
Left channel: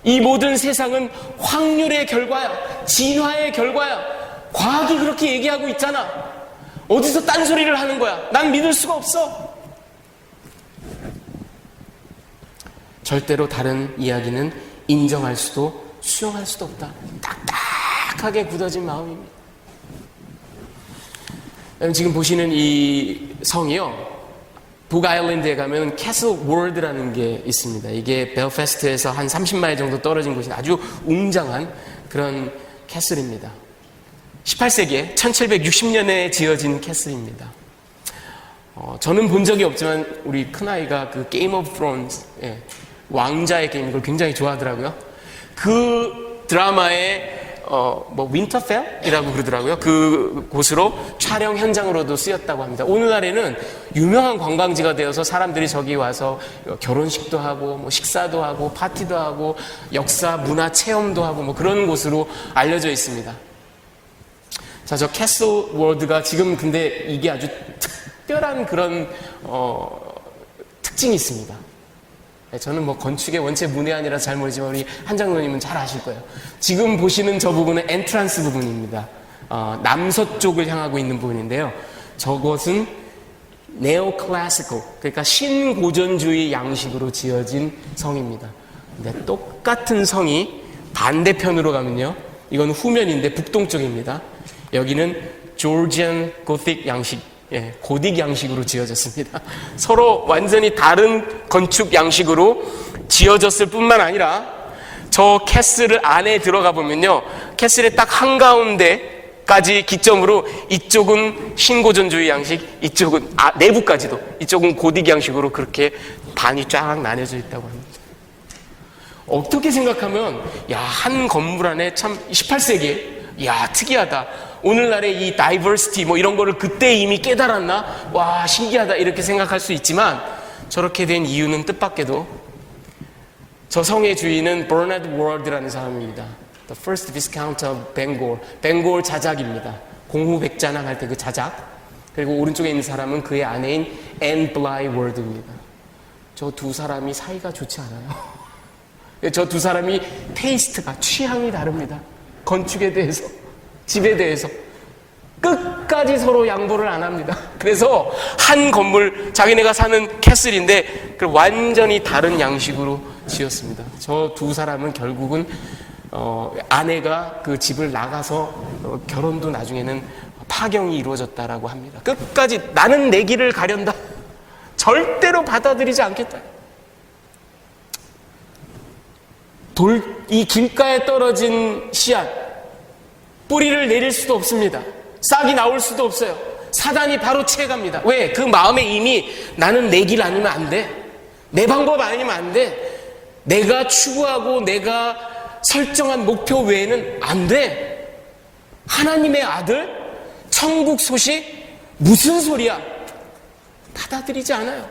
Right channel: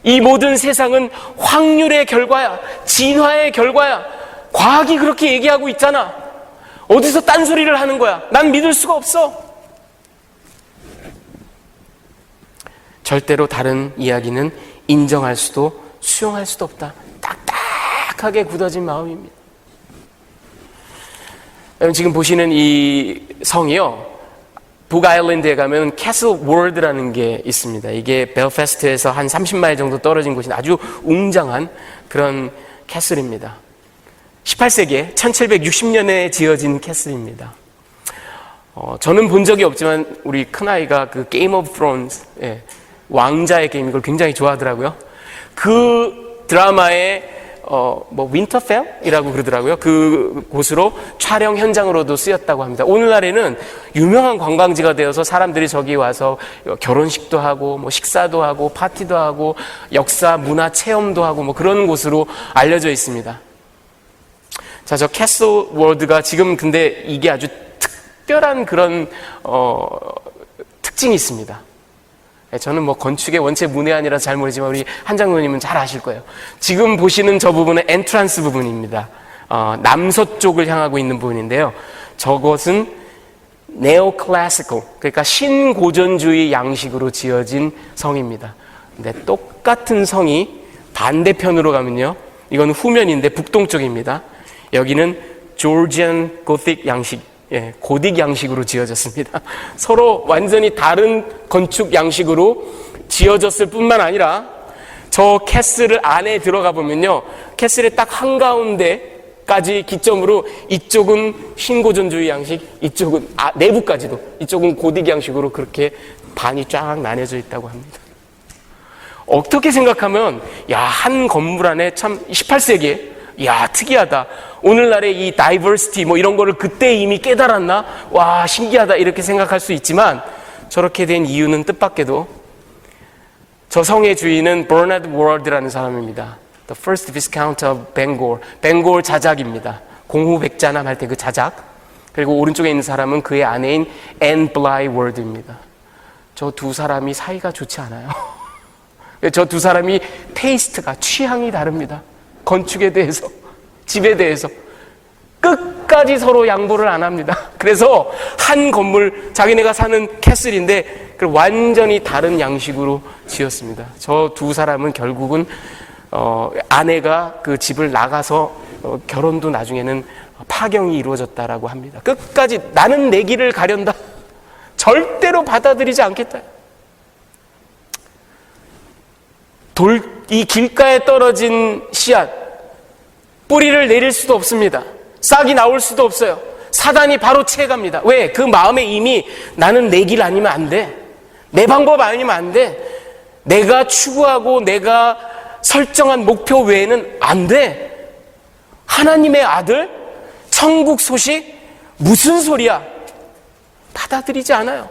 이 모든 세상은 확률의 결과야. 진화의 결과야. 과학이 그렇게 얘기하고 있잖아. 어디서 딴소리를 하는 거야. 난 믿을 수가 없어. 절대로 다른 이야기는 인정할 수도 수용할 수도 없다. 딱딱하게 굳어진 마음입니다. 여러분 지금 보시는 이 성이요, 북아일랜드에 가면 캐슬 월드라는 게 있습니다. 이게 벨패스트에서 한 30마일 정도 떨어진 곳인데 아주 웅장한 그런 캐슬입니다. 18세기에 1760년에 지어진 캐슬입니다. 저는 본 적이 없지만 우리 큰아이가 그 게임 오브 스론스, 왕자의 게임, 이걸 굉장히 좋아하더라고요. 그 드라마의 윈터펠이라고 그러더라고요. 그 곳으로 촬영 현장으로도 쓰였다고 합니다. 오늘날에는 유명한 관광지가 되어서 사람들이 저기 와서 결혼식도 하고 뭐 식사도 하고 파티도 하고 역사 문화 체험도 하고 뭐 그런 곳으로 알려져 있습니다. 자, 저 캐슬 월드가 지금 근데 이게 아주 특별한 그런 특징이 있습니다. 저는 뭐 건축의 원체 문외한이라서 잘 모르지만 우리 한 장로님은 잘 아실 거예요. 지금 보시는 저 부분은 엔트란스 부분입니다. 남서쪽을 향하고 있는 부분인데요. 저것은 네오클래시컬, 그러니까 신고전주의 양식으로 지어진 성입니다. 근데 똑같은 성이 반대편으로 가면요, 이건 후면인데 북동쪽입니다. 여기는 조지안 고틱 양식, 고딕 양식으로 지어졌습니다. 서로 완전히 다른 건축 양식으로 지어졌을 뿐만 아니라 저 캐슬을 안에 들어가 보면요, 캐슬의 딱 한가운데까지 기점으로 이쪽은 신고전주의 양식, 이쪽은 내부까지도 이쪽은 고딕 양식으로 그렇게 반이 쫙 나뉘어져 있다고 합니다. 어떻게 생각하면 한 건물 안에 참 18세기에 특이하다. 오늘날의 이 다이버시티 뭐 이런 거를 그때 이미 깨달았나? 와, 신기하다 이렇게 생각할 수 있지만 저렇게 된 이유는 뜻밖에도 저 성의 주인은 버나드 워드라는 사람입니다. The first Viscount of Bangor. 벵골 자작입니다. 공후백자남 할 때 그 자작. 그리고 오른쪽에 있는 사람은 그의 아내인 앤 블라이 워드입니다. 저 두 사람이 사이가 좋지 않아요. 저 두 사람이 테이스트가, 취향이 다릅니다. 건축에 대해서, 집에 대해서 끝까지 서로 양보를 안 합니다. 그래서 한 건물, 자기네가 사는 캐슬인데 그걸 완전히 다른 양식으로 지었습니다. 저 두 사람은 결국은 아내가 그 집을 나가서 결혼도 나중에는 파경이 이루어졌다라고 합니다. 끝까지 나는 내 길을 가련다, 절대로 받아들이지 않겠다. 이 길가에 떨어진 씨앗, 뿌리를 내릴 수도 없습니다. 싹이 나올 수도 없어요. 사단이 바로 채갑니다. 왜? 그 마음에 이미 나는 내 길 아니면 안 돼, 내 방법 아니면 안 돼, 내가 추구하고 내가 설정한 목표 외에는 안 돼. 하나님의 아들, 천국 소식, 무슨 소리야? 받아들이지 않아요.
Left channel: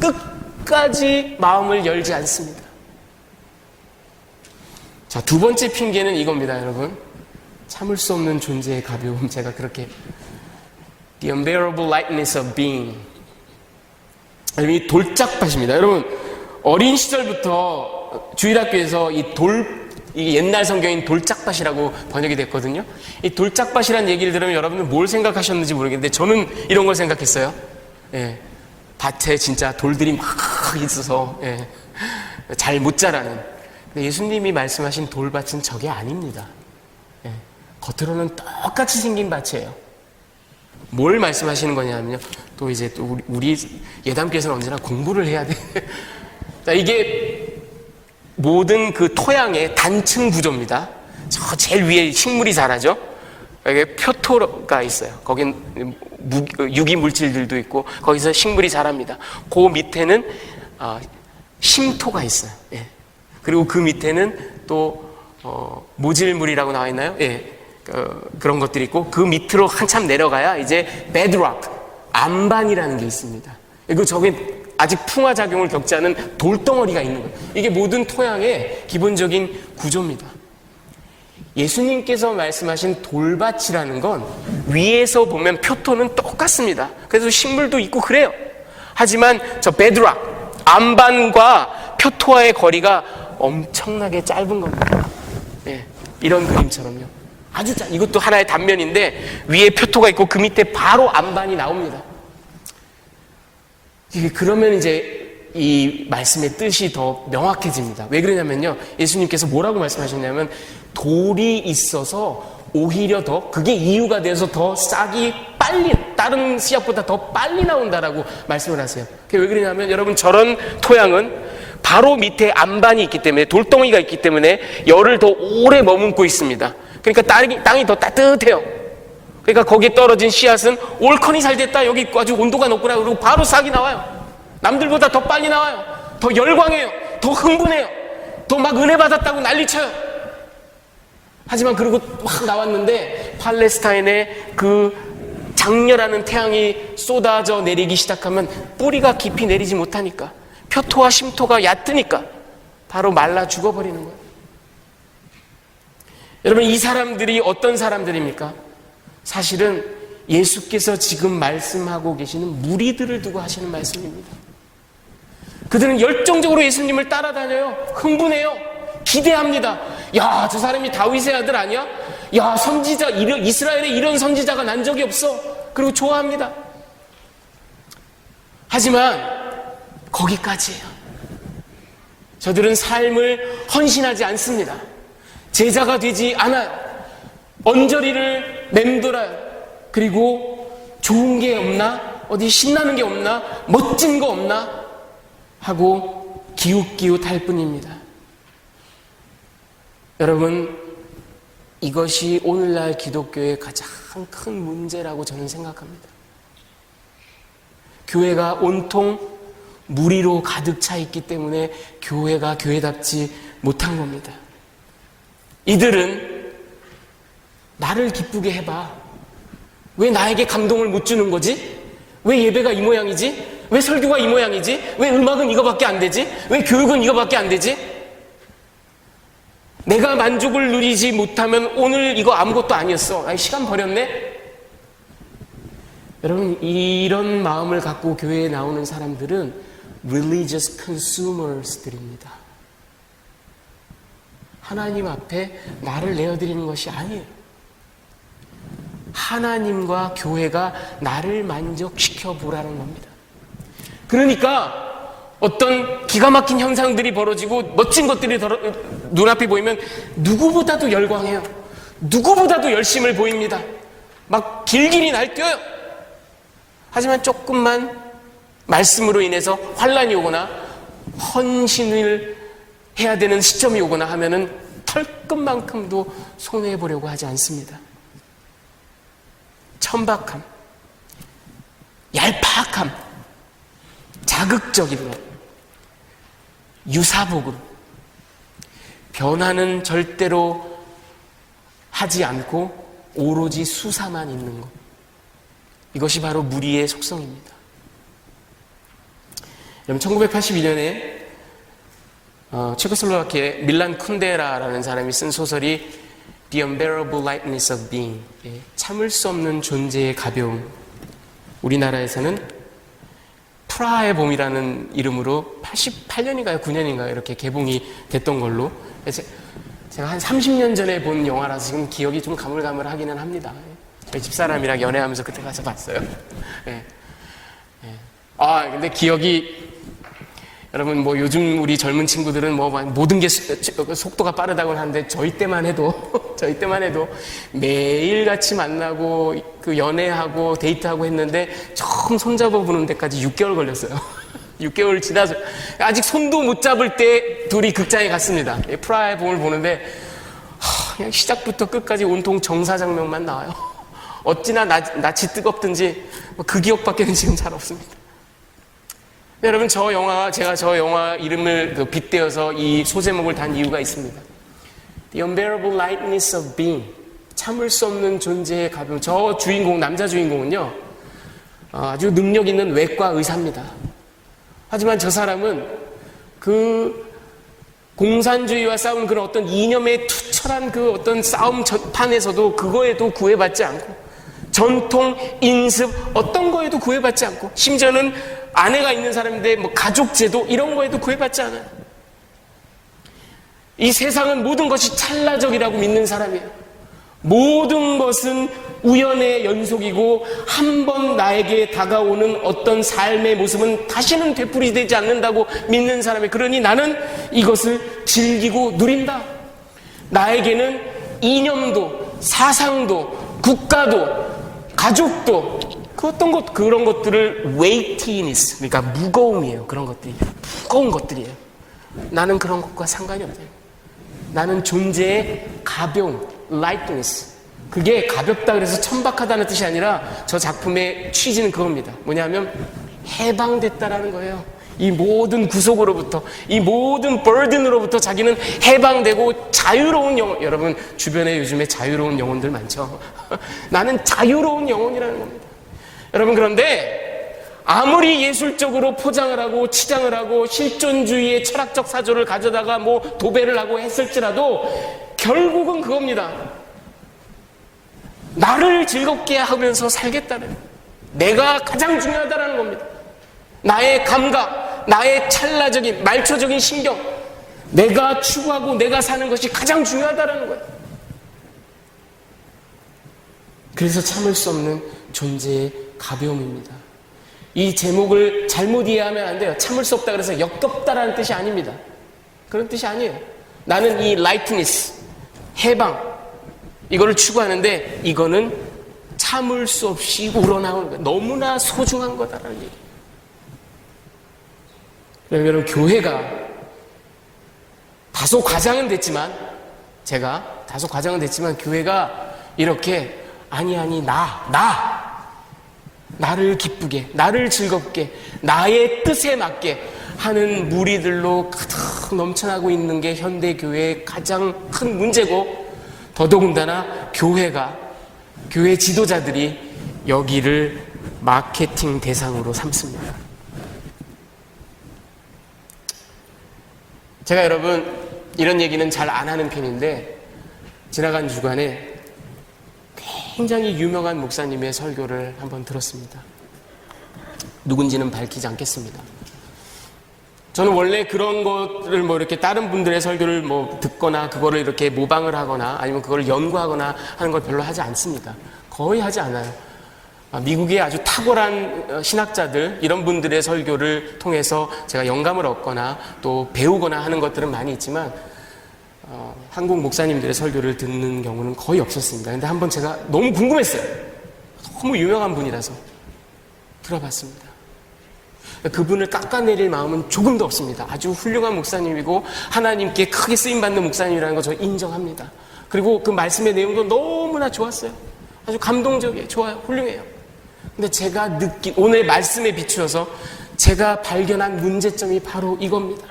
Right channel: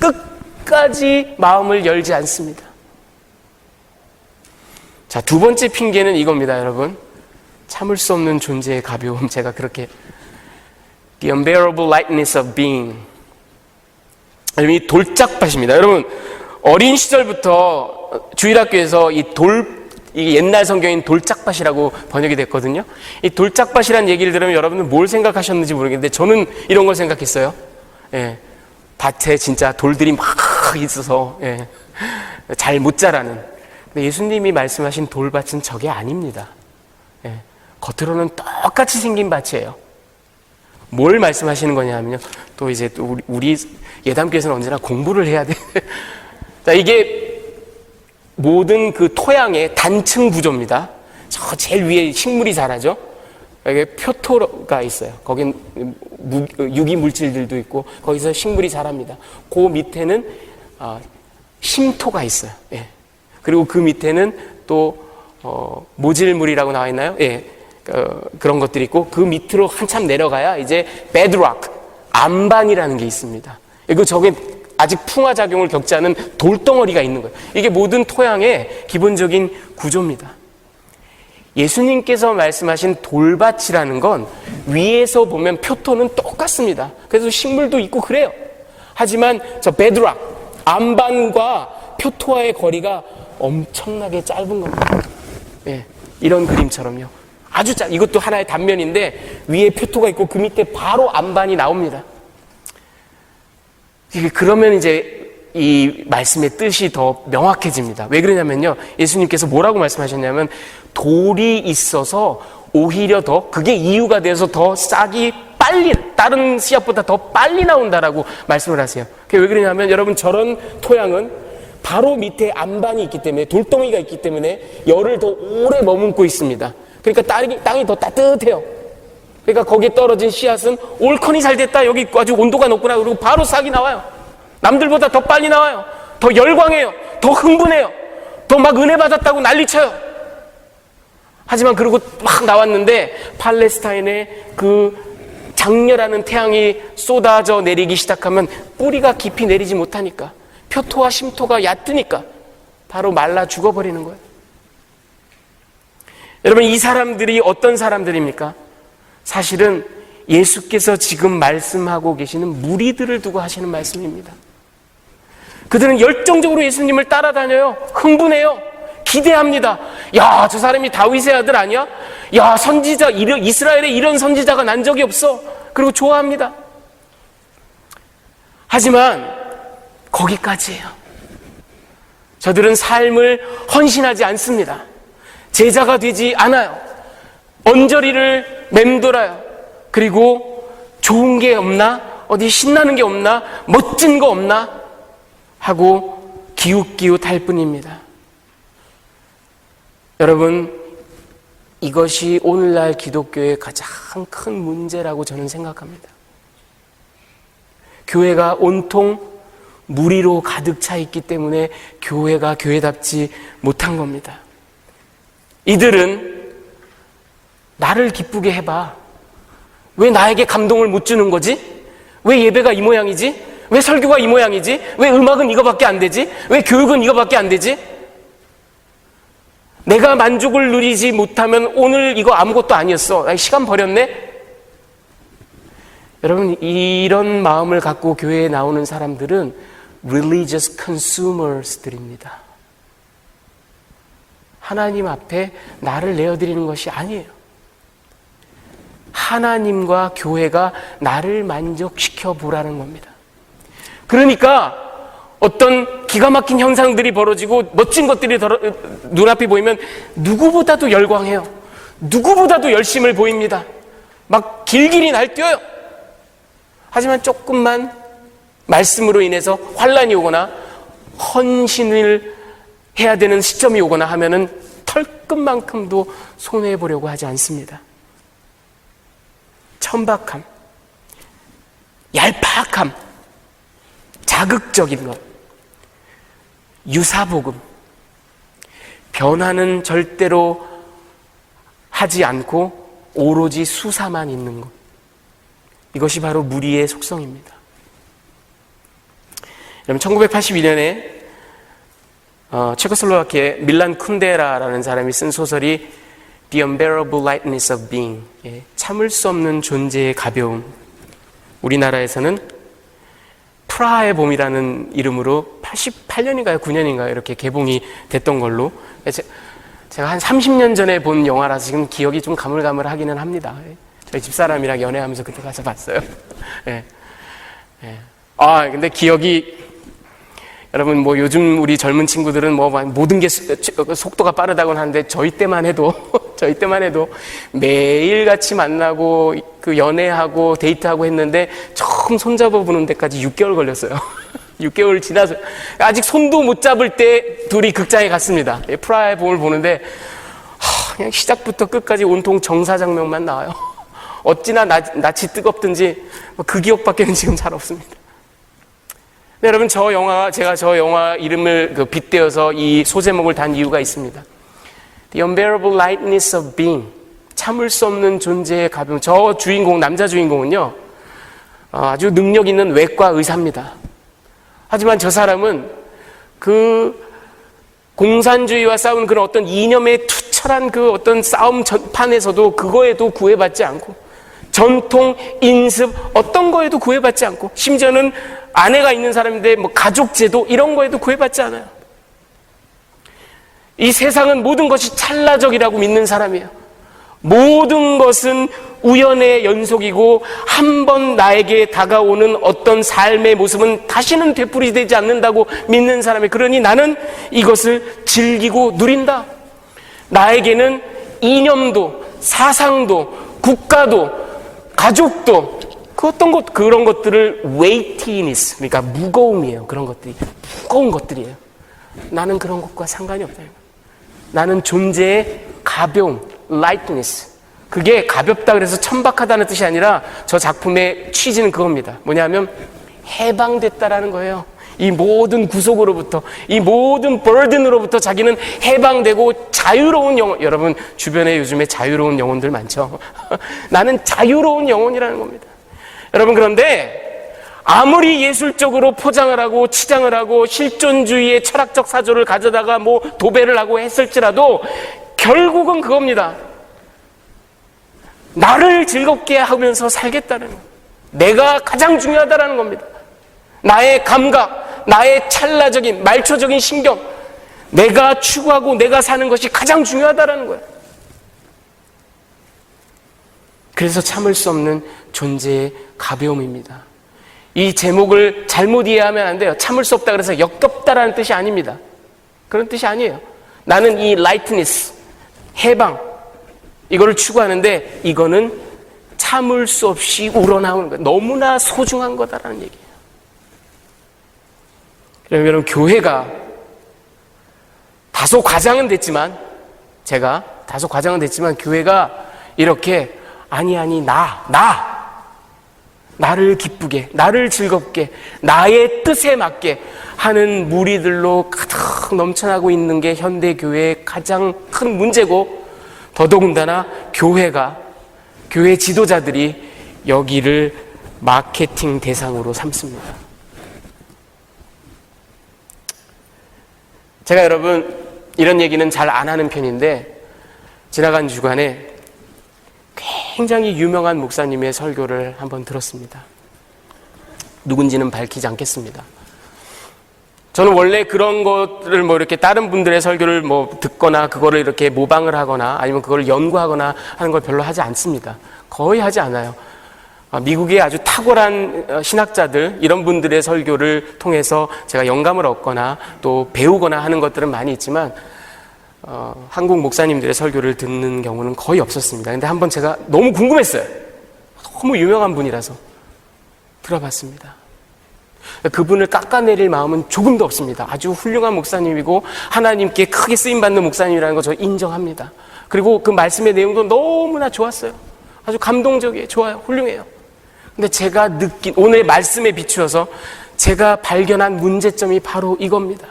끝까지 마음을 열지 않습니다. 자, 두 번째 핑계는 이겁니다, 여러분. 참을 수 없는 존재의 가벼움. 제가 그렇게 The unbearable lightness of being. 이 돌짝밭입니다. 여러분, 어린 시절부터 주일학교에서 이 옛날 성경인 돌짝밭이라고 번역이 됐거든요. 이 돌짝밭이라는 얘기를 들으면 여러분들 뭘 생각하셨는지 모르겠는데 저는 이런 걸 생각했어요. 밭에 진짜 돌들이 막 있어서 잘 못 자라는. 근데 예수님이 말씀하신 돌밭은 저게 아닙니다. 겉으로는 똑같이 생긴 밭이에요. 뭘 말씀하시는 거냐면요, 또 이제 또 우리 예담교회에서는 언제나 공부를 해야 돼. 자, 이게 모든 그 토양의 단층 구조입니다. 저 제일 위에 식물이 자라죠. 여기 표토가 있어요. 거긴 유기 물질들도 있고 거기서 식물이 자랍니다. 그 밑에는 심토가 있어요. 그리고 그 밑에는 또 모질물이라고 나와 있나요? 그런 것들이 있고 그 밑으로 한참 내려가야 이제 bedrock, 암반이라는 게 있습니다. 그리고 저게 아직 풍화작용을 겪지 않은 돌덩어리가 있는 거예요. 이게 모든 토양의 기본적인 구조입니다. 예수님께서 말씀하신 돌밭이라는 건 위에서 보면 표토는 똑같습니다. 그래서 식물도 있고 그래요. 하지만 저 베드락, 암반과 표토와의 거리가 엄청나게 짧은 겁니다. 예, 이런 그림처럼요. 아주 이것도 하나의 단면인데 위에 표토가 있고 그 밑에 바로 암반이 나옵니다. 그러면 이제 이 말씀의 뜻이 더 명확해집니다. 왜 그러냐면요, 예수님께서 뭐라고 말씀하셨냐면 돌이 있어서 오히려 더 그게 이유가 돼서 더 싹이 빨리 다른 씨앗보다 더 빨리 나온다라고 말씀을 하세요. 그게 왜 그러냐면 여러분, 저런 토양은 바로 밑에 암반이 있기 때문에, 돌덩이가 있기 때문에 열을 더 오래 머금고 있습니다. 그러니까 땅이 더 따뜻해요. 그러니까 거기에 떨어진 씨앗은 올컨이 잘 됐다, 여기 아주 온도가 높구나, 그리고 바로 싹이 나와요. 남들보다 더 빨리 나와요. 더 열광해요. 더 흥분해요. 더 막 은혜 받았다고 난리쳐요. 하지만 그리고 막 나왔는데 팔레스타인에 그 장렬하는 태양이 쏟아져 내리기 시작하면 뿌리가 깊이 내리지 못하니까, 표토와 심토가 얕으니까 바로 말라 죽어버리는 거예요. 여러분, 이 사람들이 어떤 사람들입니까? 사실은 예수께서 지금 말씀하고 계시는 무리들을 두고 하시는 말씀입니다. 그들은 열정적으로 예수님을 따라다녀요. 흥분해요. 기대합니다. 야, 저 사람이 다윗의 아들 아니야? 야, 선지자, 이스라엘에 이런 선지자가 난 적이 없어. 그리고 좋아합니다. 하지만 거기까지예요. 저들은 삶을 헌신하지 않습니다. 제자가 되지 않아요. 언저리를 맴돌아요. 그리고 좋은 게 없나? 어디 신나는 게 없나? 멋진 거 없나? 하고 기웃기웃할 뿐입니다. 여러분, 이것이 오늘날 기독교의 가장 큰 문제라고 저는 생각합니다. 교회가 온통 무리로 가득 차 있기 때문에 교회가 교회답지 못한 겁니다. 이들은 나를 기쁘게 해봐. 왜 나에게 감동을 못 주는 거지? 왜 예배가 이 모양이지? 왜 설교가 이 모양이지? 왜 음악은 이거밖에 안 되지? 왜 교육은 이거밖에 안 되지? 내가 만족을 누리지 못하면 오늘 이거 아무것도 아니었어. 시간 버렸네? 여러분, 이런 마음을 갖고 교회에 나오는 사람들은 religious consumers들입니다. 하나님 앞에 나를 내어드리는 것이 아니에요. 하나님과 교회가 나를 만족시켜 보라는 겁니다. 그러니까 어떤 기가 막힌 현상들이 벌어지고 멋진 것들이 눈앞에 보이면 누구보다도 열광해요. 누구보다도 열심을 보입니다. 막 길길이 날뛰어요. 하지만 조금만 말씀으로 인해서 환란이 오거나 헌신을 해야 되는 시점이 오거나 하면은 털끝만큼도 손해보려고 하지 않습니다. 천박함, 얄팍함, 자극적인 것, 유사복음, 변화는 절대로 하지 않고 오로지 수사만 있는 것, 이것이 바로 무리의 속성입니다. 여러분, 1982년에 체코슬로바키아의 밀란 쿤데라라는 사람이 쓴 소설이 The Unbearable Lightness of Being, 참을 수 없는 존재의 가벼움, 우리나라에서는 프라하의 봄이라는 이름으로 88년인가요? 9년인가요? 이렇게 개봉이 됐던 걸로, 제가 한 30년 전에 본 영화라서 지금 기억이 좀 가물가물하기는 합니다. 저희 집사람이랑 연애하면서 그때 가서 봤어요. 근데 기억이, 여러분, 뭐 요즘 우리 젊은 친구들은 뭐 모든 게 속도가 빠르다고 하는데 저희 때만 해도 매일같이 만나고 그 연애하고 데이트하고 했는데 처음 손잡아 보는 데까지 6개월 걸렸어요. 6개월 지나서 아직 손도 못 잡을 때 둘이 극장에 갔습니다. 프라하의 봄을 보는데 그냥 시작부터 끝까지 온통 정사장면만 나와요. 어찌나 낯이 뜨겁든지 그 기억밖에는 지금 잘 없습니다. 네, 여러분, 제가 저 영화 이름을 빗대어서 이 소제목을 단 이유가 있습니다. The Unbearable Lightness of Being, 참을 수 없는 존재의 가벼움. 저 주인공, 남자 주인공은요, 아주 능력 있는 외과 의사입니다. 하지만 저 사람은 그 공산주의와 싸운 그런 어떤 이념에 투철한 그 어떤 싸움 전판에서도 그거에도 구애받지 않고, 전통, 인습 어떤 거에도 구애받지 않고, 심지어는 아내가 있는 사람인데 뭐 가족제도 이런 거에도 구애받지 않아요. 이 세상은 모든 것이 찰나적이라고 믿는 사람이에요. 모든 것은 우연의 연속이고 한 번 나에게 다가오는 어떤 삶의 모습은 다시는 되풀이되지 않는다고 믿는 사람이에요. 그러니 나는 이것을 즐기고 누린다. 나에게는 이념도 사상도 국가도 가족도 그 어떤 것, 그런 것들을 weightiness, 그러니까 무거움이에요. 그런 것들이 무거운 것들이에요. 나는 그런 것과 상관이 없다. 나는 존재의 가벼움, lightness. 그게 가볍다 그래서 천박하다는 뜻이 아니라 저 작품의 취지는 그겁니다. 뭐냐면 해방됐다라는 거예요. 이 모든 구속으로부터, 이 모든 burden으로부터 자기는 해방되고 자유로운 영혼. 여러분 주변에 요즘에 자유로운 영혼들 많죠. 나는 자유로운 영혼이라는 겁니다. 여러분, 그런데 아무리 예술적으로 포장을 하고 치장을 하고 실존주의의 철학적 사조를 가져다가 뭐 도배를 하고 했을지라도 결국은 그겁니다. 나를 즐겁게 하면서 살겠다는, 내가 가장 중요하다는 겁니다. 나의 감각, 나의 찰나적인 말초적인 신경, 내가 추구하고 내가 사는 것이 가장 중요하다는 거예요. 그래서 참을 수 없는 존재의 가벼움입니다. 이 제목을 잘못 이해하면 안 돼요. 참을 수 없다 그래서 역겹다라는 뜻이 아닙니다. 그런 뜻이 아니에요. 나는 이 lightness, 해방, 이거를 추구하는데 이거는 참을 수 없이 우러나오는 거예요. 너무나 소중한 거다라는 얘기예요. 그러면 교회가 다소 과장은 됐지만, 제가 다소 과장은 됐지만 교회가 이렇게 아니 나를 기쁘게, 나를 즐겁게, 나의 뜻에 맞게 하는 무리들로 가득 넘쳐나고 있는 게 현대 교회의 가장 큰 문제고, 더더군다나 교회 지도자들이 여기를 마케팅 대상으로 삼습니다. 제가 여러분 이런 얘기는 잘 안 하는 편인데, 지나간 주간에 굉장히 유명한 목사님의 설교를 한번 들었습니다. 누군지는 밝히지 않겠습니다. 저는 원래 그런 것을 뭐 이렇게 다른 분들의 설교를 뭐 듣거나 그거를 이렇게 모방을 하거나 아니면 그걸 연구하거나 하는 걸 별로 하지 않습니다. 거의 하지 않아요. 미국의 아주 탁월한 신학자들, 이런 분들의 설교를 통해서 제가 영감을 얻거나 또 배우거나 하는 것들은 많이 있지만 한국 목사님들의 설교를 듣는 경우는 거의 없었습니다. 근데 한번 제가 너무 궁금했어요. 너무 유명한 분이라서 들어봤습니다. 그분을 깎아내릴 마음은 조금도 없습니다. 아주 훌륭한 목사님이고 하나님께 크게 쓰임받는 목사님이라는 거 저 인정합니다. 그리고 그 말씀의 내용도 너무나 좋았어요. 아주 감동적이에요. 좋아요. 훌륭해요. 근데 제가 느낀, 오늘의 말씀에 비추어서 제가 발견한 문제점이 바로 이겁니다.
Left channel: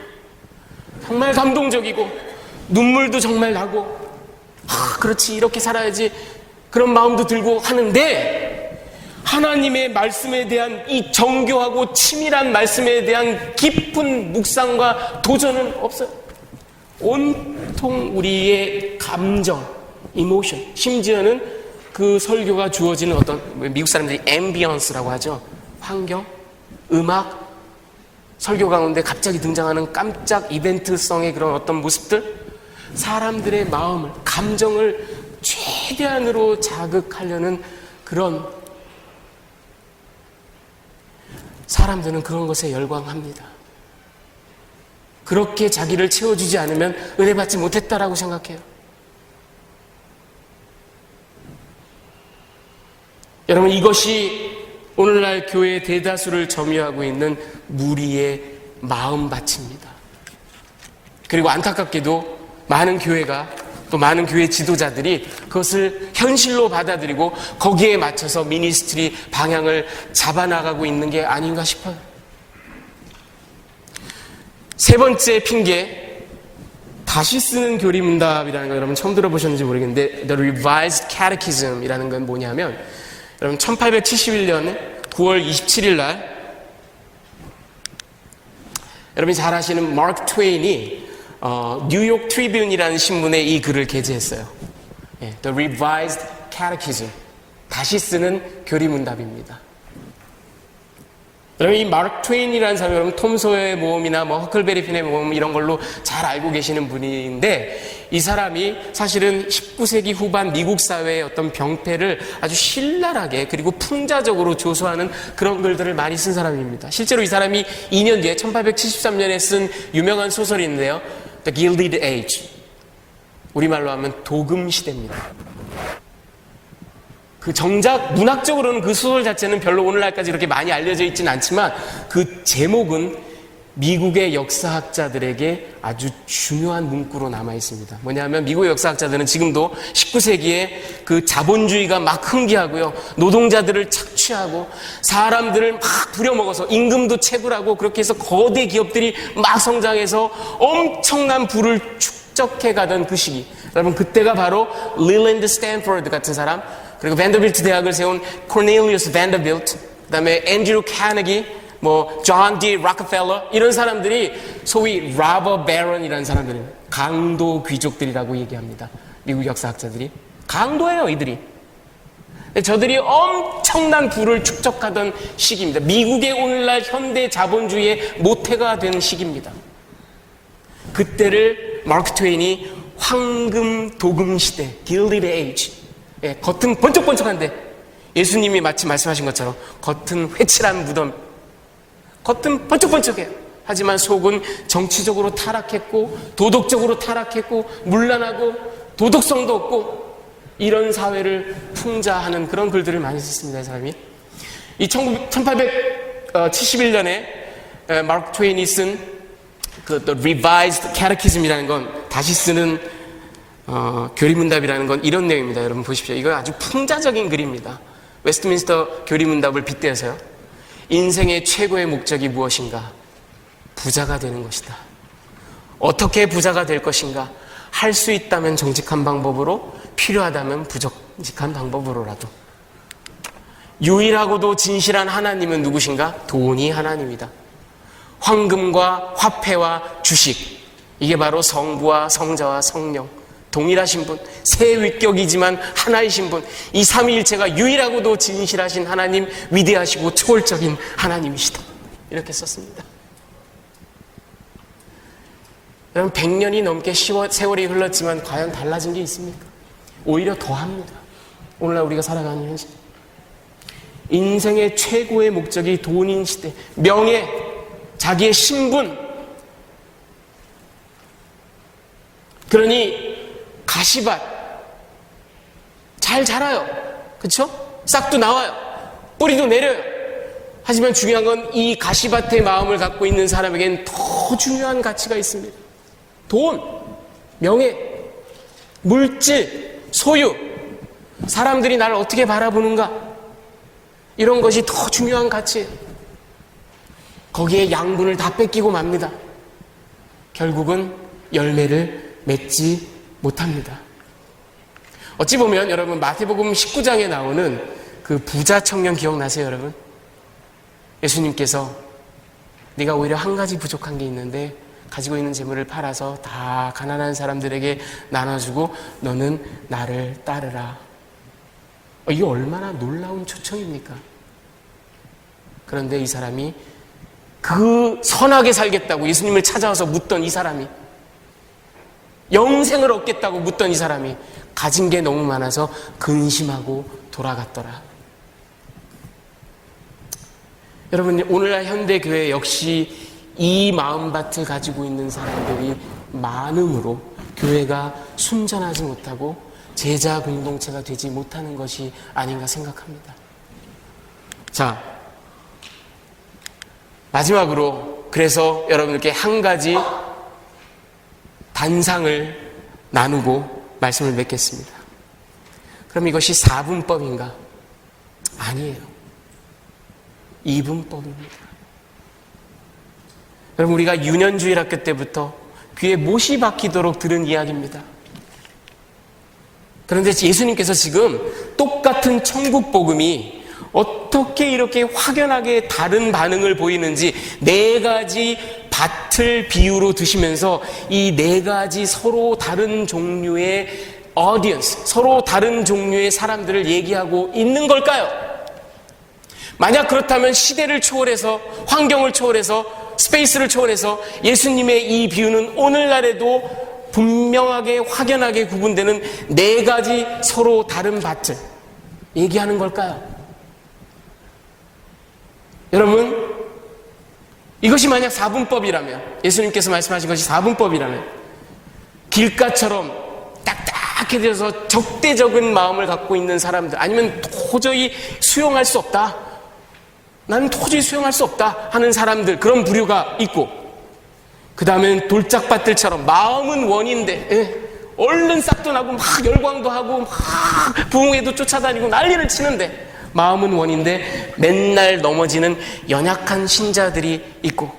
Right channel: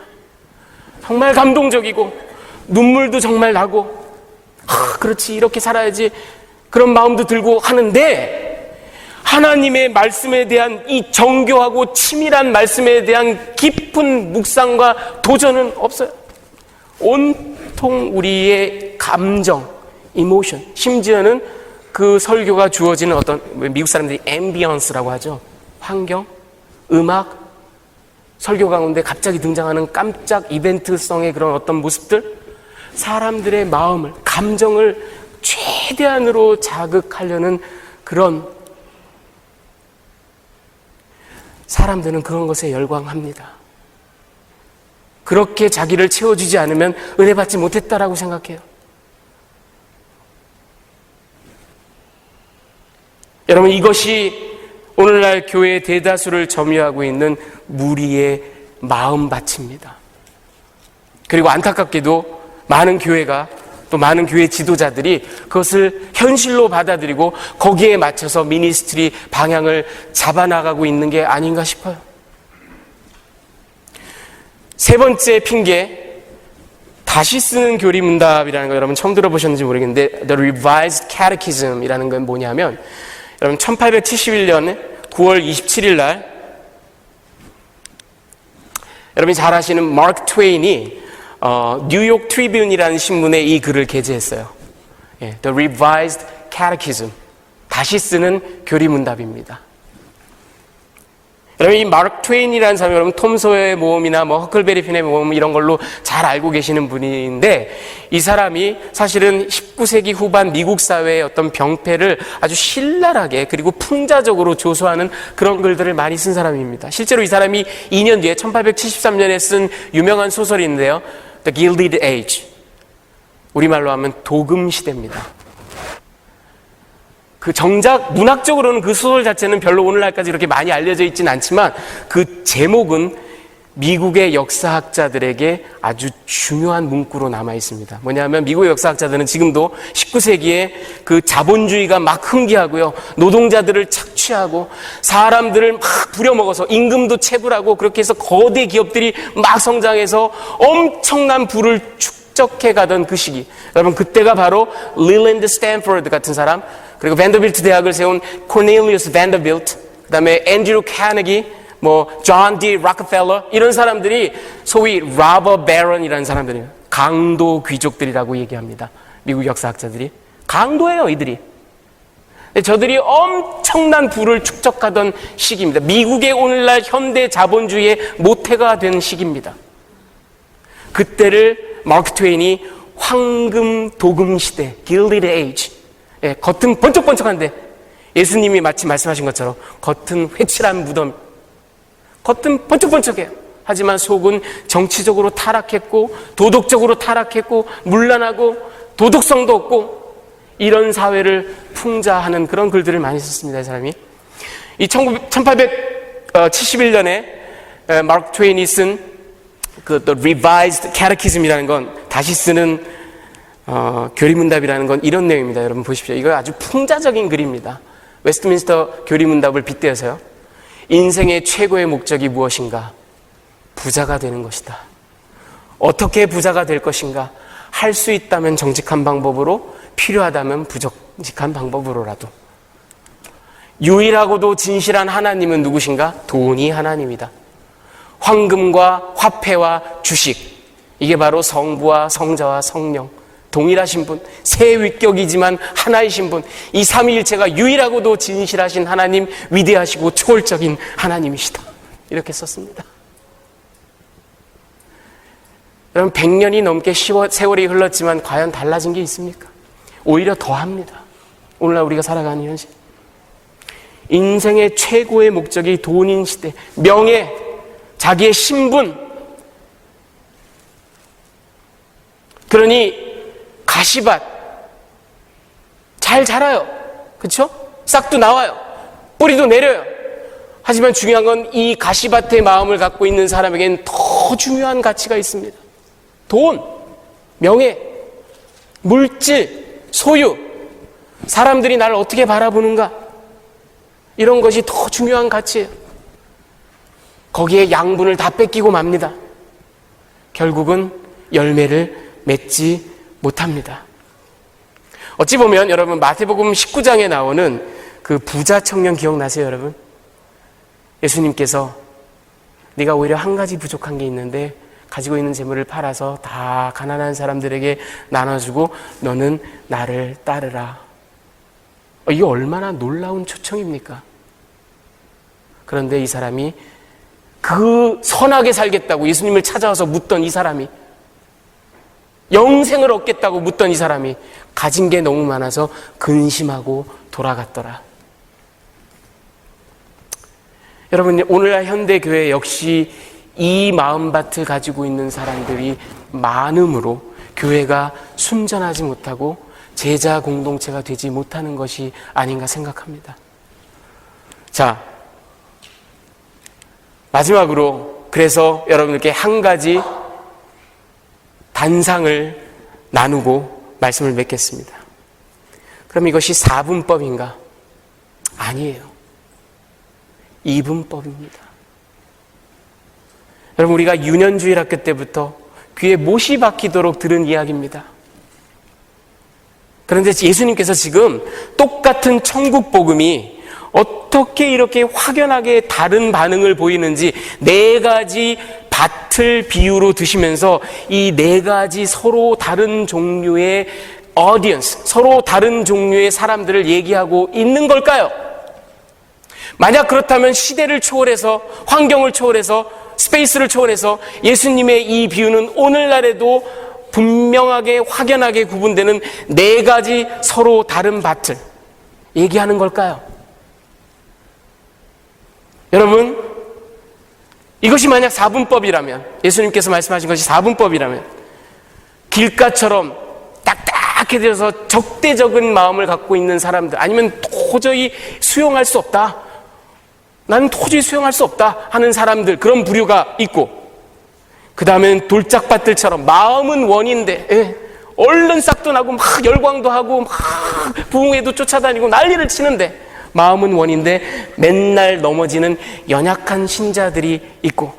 정말 감동적이고 눈물도 정말 나고, 그렇지, 이렇게 살아야지, 그런 마음도 들고 하는데, 하나님의 말씀에 대한 이 정교하고 치밀한 말씀에 대한 깊은 묵상과 도전은 없어요. 온통 우리의 감정, 이모션, 심지어는 그 설교가 주어지는 어떤, 미국 사람들이 앰비언스라고 하죠. 환경, 음악, 설교 가운데 갑자기 등장하는 깜짝 이벤트성의 그런 어떤 모습들, 사람들의 마음을, 감정을 최대한으로 자극하려는 그런, 사람들은 그런 것에 열광합니다. 그렇게 자기를 채워주지 않으면 은혜 받지 못했다라고 생각해요. 여러분, 이것이 오늘날 교회의 대다수를 점유하고 있는 무리의 마음밭입니다. 그리고 안타깝게도 많은 교회가, 또 많은 교회 지도자들이 그것을 현실로 받아들이고 거기에 맞춰서 미니스트리 방향을 잡아나가고 있는 게 아닌가 싶어요. 세 번째 핑계, 다시 쓰는 교리문답이라는 거 여러분 처음 들어보셨는지 모르겠는데, The Revised Catechism이라는 건 뭐냐면, 여러분 1871년 9월 27일 날 여러분이 잘 아시는 마크 트웨인이 뉴욕 트리뷴이라는 신문에 이 글을 게재했어요. The Revised Catechism, 다시 쓰는 교리문답입니다. 여러분, 이 마크 트웨인이라는 사람이 여러분 톰 소여의 모험이나 뭐 허클베리 핀의 모험 이런 걸로 잘 알고 계시는 분인데, 이 사람이 사실은 19세기 후반 미국 사회의 어떤 병폐를 아주 신랄하게 그리고 풍자적으로 조소하는 그런 글들을 많이 쓴 사람입니다. 실제로 이 사람이 2년 뒤에 1873년에 쓴 유명한 소설인데요, The Gilded Age, 우리말로 하면 도금 시대입니다. 그 정작 문학적으로는 그 소설 자체는 별로 오늘날까지 이렇게 많이 알려져 있지는 않지만 그 제목은 미국의 역사학자들에게 아주 중요한 문구로 남아 있습니다. 뭐냐면 미국의 역사학자들은 지금도 19세기에 그 자본주의가 막 흥기하고요, 노동자들을 착취하고 사람들을 막 부려먹어서 임금도 체불하고 그렇게 해서 거대 기업들이 막 성장해서 엄청난 부를 축적해 가던 그 시기, 여러분 그때가 바로 릴랜드 스탠포드 같은 사람, 그리고 밴더빌트 대학을 세운 코넬리우스 밴더빌트, 그 다음에 앤드류 카네기, 존 디 락펠러, 이런 사람들이 소위 라버 베런이라는 사람들이에요. 강도 귀족들이라고 얘기합니다. 미국 역사학자들이. 강도예요, 이들이. 저들이 엄청난 부를 축적하던 시기입니다. 미국의 오늘날 현대 자본주의의 모태가 된 시기입니다. 그때를 마크 트웨인이 황금 도금 시대, Gilded Age, 겉은 번쩍번쩍한데 예수님이 마치 말씀하신 것처럼 겉은 회칠한 무덤, 겉은 번쩍번쩍해요. 하지만 속은 정치적으로 타락했고 도덕적으로 타락했고 문란하고 도덕성도 없고 이런 사회를 풍자하는 그런 글들을 많이 썼습니다. 이 사람이. 이 1871년에 마크 트웨인이 쓴 그 The Revised Catechism이라는 건, 다시 쓰는 교리문답이라는 건 이런 내용입니다. 여러분 보십시오. 이거 아주 풍자적인 글입니다. 웨스트민스터 교리문답을 빗대어서요, 인생의 최고의 목적이 무엇인가? 부자가 되는 것이다. 어떻게 부자가 될 것인가? 할 수 있다면 정직한 방법으로, 필요하다면 부정직한 방법으로라도. 유일하고도 진실한 하나님은 누구신가? 돈이 하나님이다. 황금과 화폐와 주식, 이게 바로 성부와 성자와 성령, 동일하신 분, 세 위격이지만 하나이신 분, 이 삼위일체가 유일하고도 진실하신 하나님, 위대하시고 초월적인 하나님이시다. 이렇게 썼습니다. 여러분, 100년이 넘게 세월이 흘렀지만 과연 달라진 게 있습니까? 오히려 더합니다. 오늘날 우리가 살아가는 현실. 인생의 최고의 목적이 돈인 시대, 명예, 자기의 신분. 그러니 가시밭 잘 자라요. 그렇죠? 싹도 나와요. 뿌리도 내려요. 하지만 중요한 건 이 가시밭의 마음을 갖고 있는 사람에게는 더 중요한 가치가 있습니다. 돈, 명예, 물질, 소유, 사람들이 나를 어떻게 바라보는가, 이런 것이 더 중요한 가치예요. 거기에 양분을 다 뺏기고 맙니다. 결국은 열매를 맺지 못합니다. 어찌 보면 여러분 마태복음 19장에 나오는 그 부자 청년 기억나세요, 여러분? 예수님께서 네가 오히려 한 가지 부족한 게 있는데 가지고 있는 재물을 팔아서 다 가난한 사람들에게 나눠주고 너는 나를 따르라. 이게 얼마나 놀라운 초청입니까? 그런데 이 사람이, 그 선하게 살겠다고 예수님을 찾아와서 묻던 이 사람이, 영생을 얻겠다고 묻던 이 사람이 가진 게 너무 많아서 근심하고 돌아갔더라. 여러분, 오늘날 현대교회 역시 이 마음밭을 가지고 있는 사람들이 많음으로 교회가 순전하지 못하고 제자 공동체가 되지 못하는 것이 아닌가 생각합니다. 자, 마지막으로 그래서 여러분들께 한 가지 단상을 나누고 말씀을 맺겠습니다. 그럼 이것이 4분법인가? 아니에요. 2분법입니다. 여러분, 우리가 유년주일 학교 때부터 귀에 못이 박히도록 들은 이야기입니다. 그런데 예수님께서 지금 똑같은 천국 복음이 어떻게 이렇게 확연하게 다른 반응을 보이는지 4가지 밭을 비유로 드시면서 이 4가지 서로 다른 종류의 audience, 서로 다른 종류의 사람들을 얘기하고 있는 걸까요? 만약 그렇다면 시대를 초월해서, 환경을 초월해서, 스페이스를 초월해서 예수님의 이 비유는 오늘날에도 분명하게 확연하게 구분되는 4가지 서로 다른 밭을 얘기하는 걸까요? 여러분, 이것이 만약 4분법이라면, 예수님께서 말씀하신 것이 4분법이라면 길가처럼 딱딱해 되어서 적대적인 마음을 갖고 있는 사람들, 아니면 도저히 수용할 수 없다, 나는 도저히 수용할 수 없다 하는 사람들, 그런 부류가 있고, 그 다음엔 돌짝밭들처럼 마음은 원인데 얼른 싹도 나고 막 열광도 하고 막 부흥회도 쫓아다니고 난리를 치는데 마음은 원인데 맨날 넘어지는 연약한 신자들이 있고,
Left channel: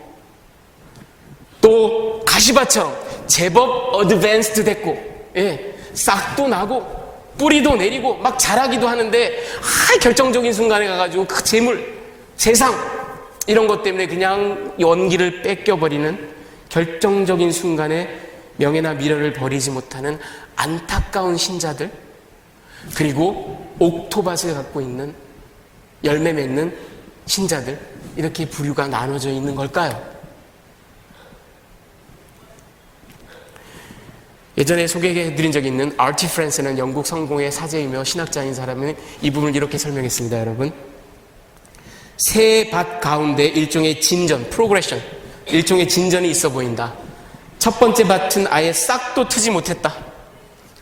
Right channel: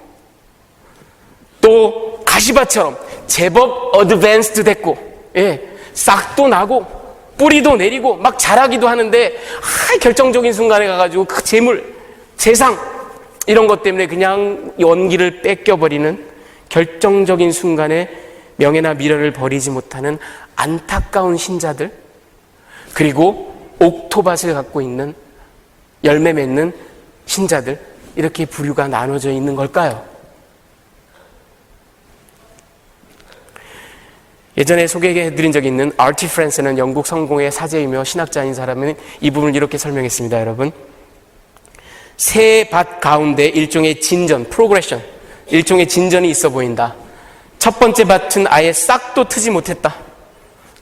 또 가시밭처럼 제법 어드밴스드 됐고 싹도 나고 뿌리도 내리고 막 자라기도 하는데 결정적인 순간에 가가지고 그 재물, 세상 이런 것 때문에 그냥 연기를 뺏겨버리는, 결정적인 순간에 명예나 미련을 버리지 못하는 안타까운 신자들, 그리고 옥토밭을 갖고 있는 열매 맺는 신자들, 이렇게 부류가 나눠져 있는 걸까요? 예전에 소개해드린 적이 있는 아르티 프랜스는 영국 성공의 사제이며 신학자인 사람은 이 부분을 이렇게 설명했습니다. 여러분, 새 밭 가운데 일종의 진전, 프로그레션, 일종의 진전이 있어 보인다. 첫 번째 밭은 아예 싹도 트지 못했다.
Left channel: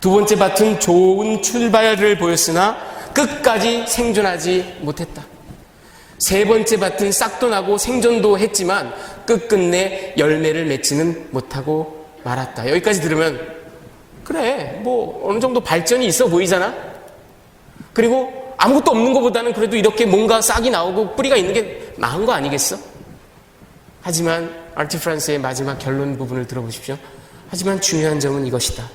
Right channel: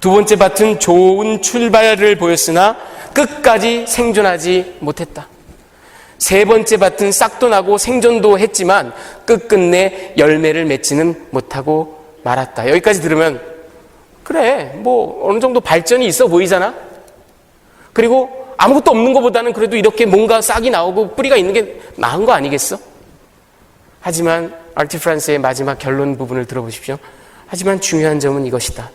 두 번째 밭은 좋은 출발을 보였으나 끝까지 생존하지 못했다. 세 번째 밭은 싹도 나고 생존도 했지만 끝끝내 열매를 맺지는 못하고 말았다. 여기까지 들으면 그래, 뭐 어느 정도 발전이 있어 보이잖아. 그리고 아무것도 없는 것보다는 그래도 이렇게 뭔가 싹이 나오고 뿌리가 있는 게 나은 거 아니겠어? 하지만 아르티 프란스의 마지막 결론 부분을 들어보십시오. 하지만 중요한 점은 이것이다.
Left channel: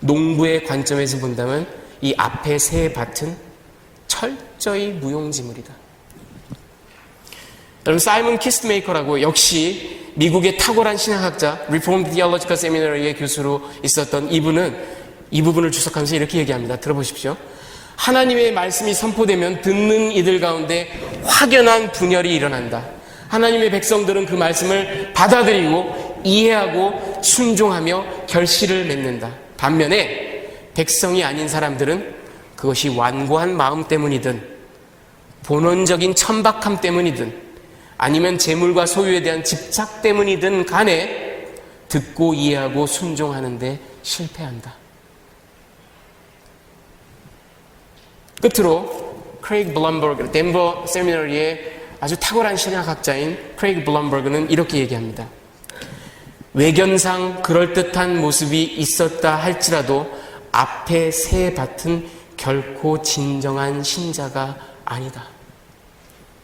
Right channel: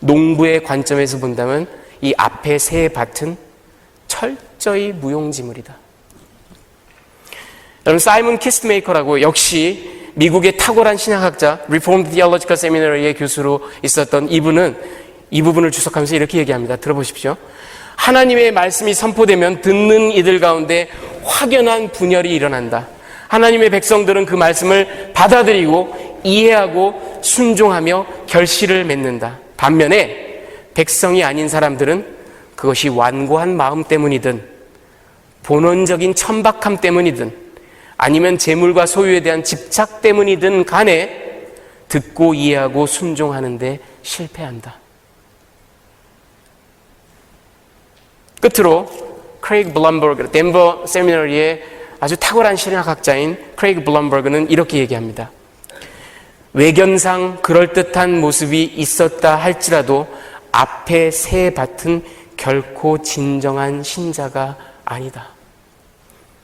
농부의 관점에서 본다면 이 앞에 세 밭은 철저히 무용지물이다. 여러분, 사이먼 키스메이커라고 역시 미국의 탁월한 신학학자, Reformed Theological Seminary의 교수로 있었던 이분은 이 부분을 주석하면서 이렇게 얘기합니다. 들어보십시오. 하나님의 말씀이 선포되면 듣는 이들 가운데 확연한 분열이 일어난다. 하나님의 백성들은 그 말씀을 받아들이고 이해하고 순종하며 결실을 맺는다. 반면에 백성이 아닌 사람들은 그것이 완고한 마음 때문이든 본원적인 천박함 때문이든 아니면 재물과 소유에 대한 집착 때문이든 간에 듣고 이해하고 순종하는 데 실패한다. 끝으로 크레이그 블럼버그, 덴버 세미너리의 아주 탁월한 신학학자인 크레이그 블럼버그는 이렇게 얘기합니다. 외견상 그럴듯한 모습이 있었다 할지라도 앞에 새 밭은 결코 진정한 신자가 아니다.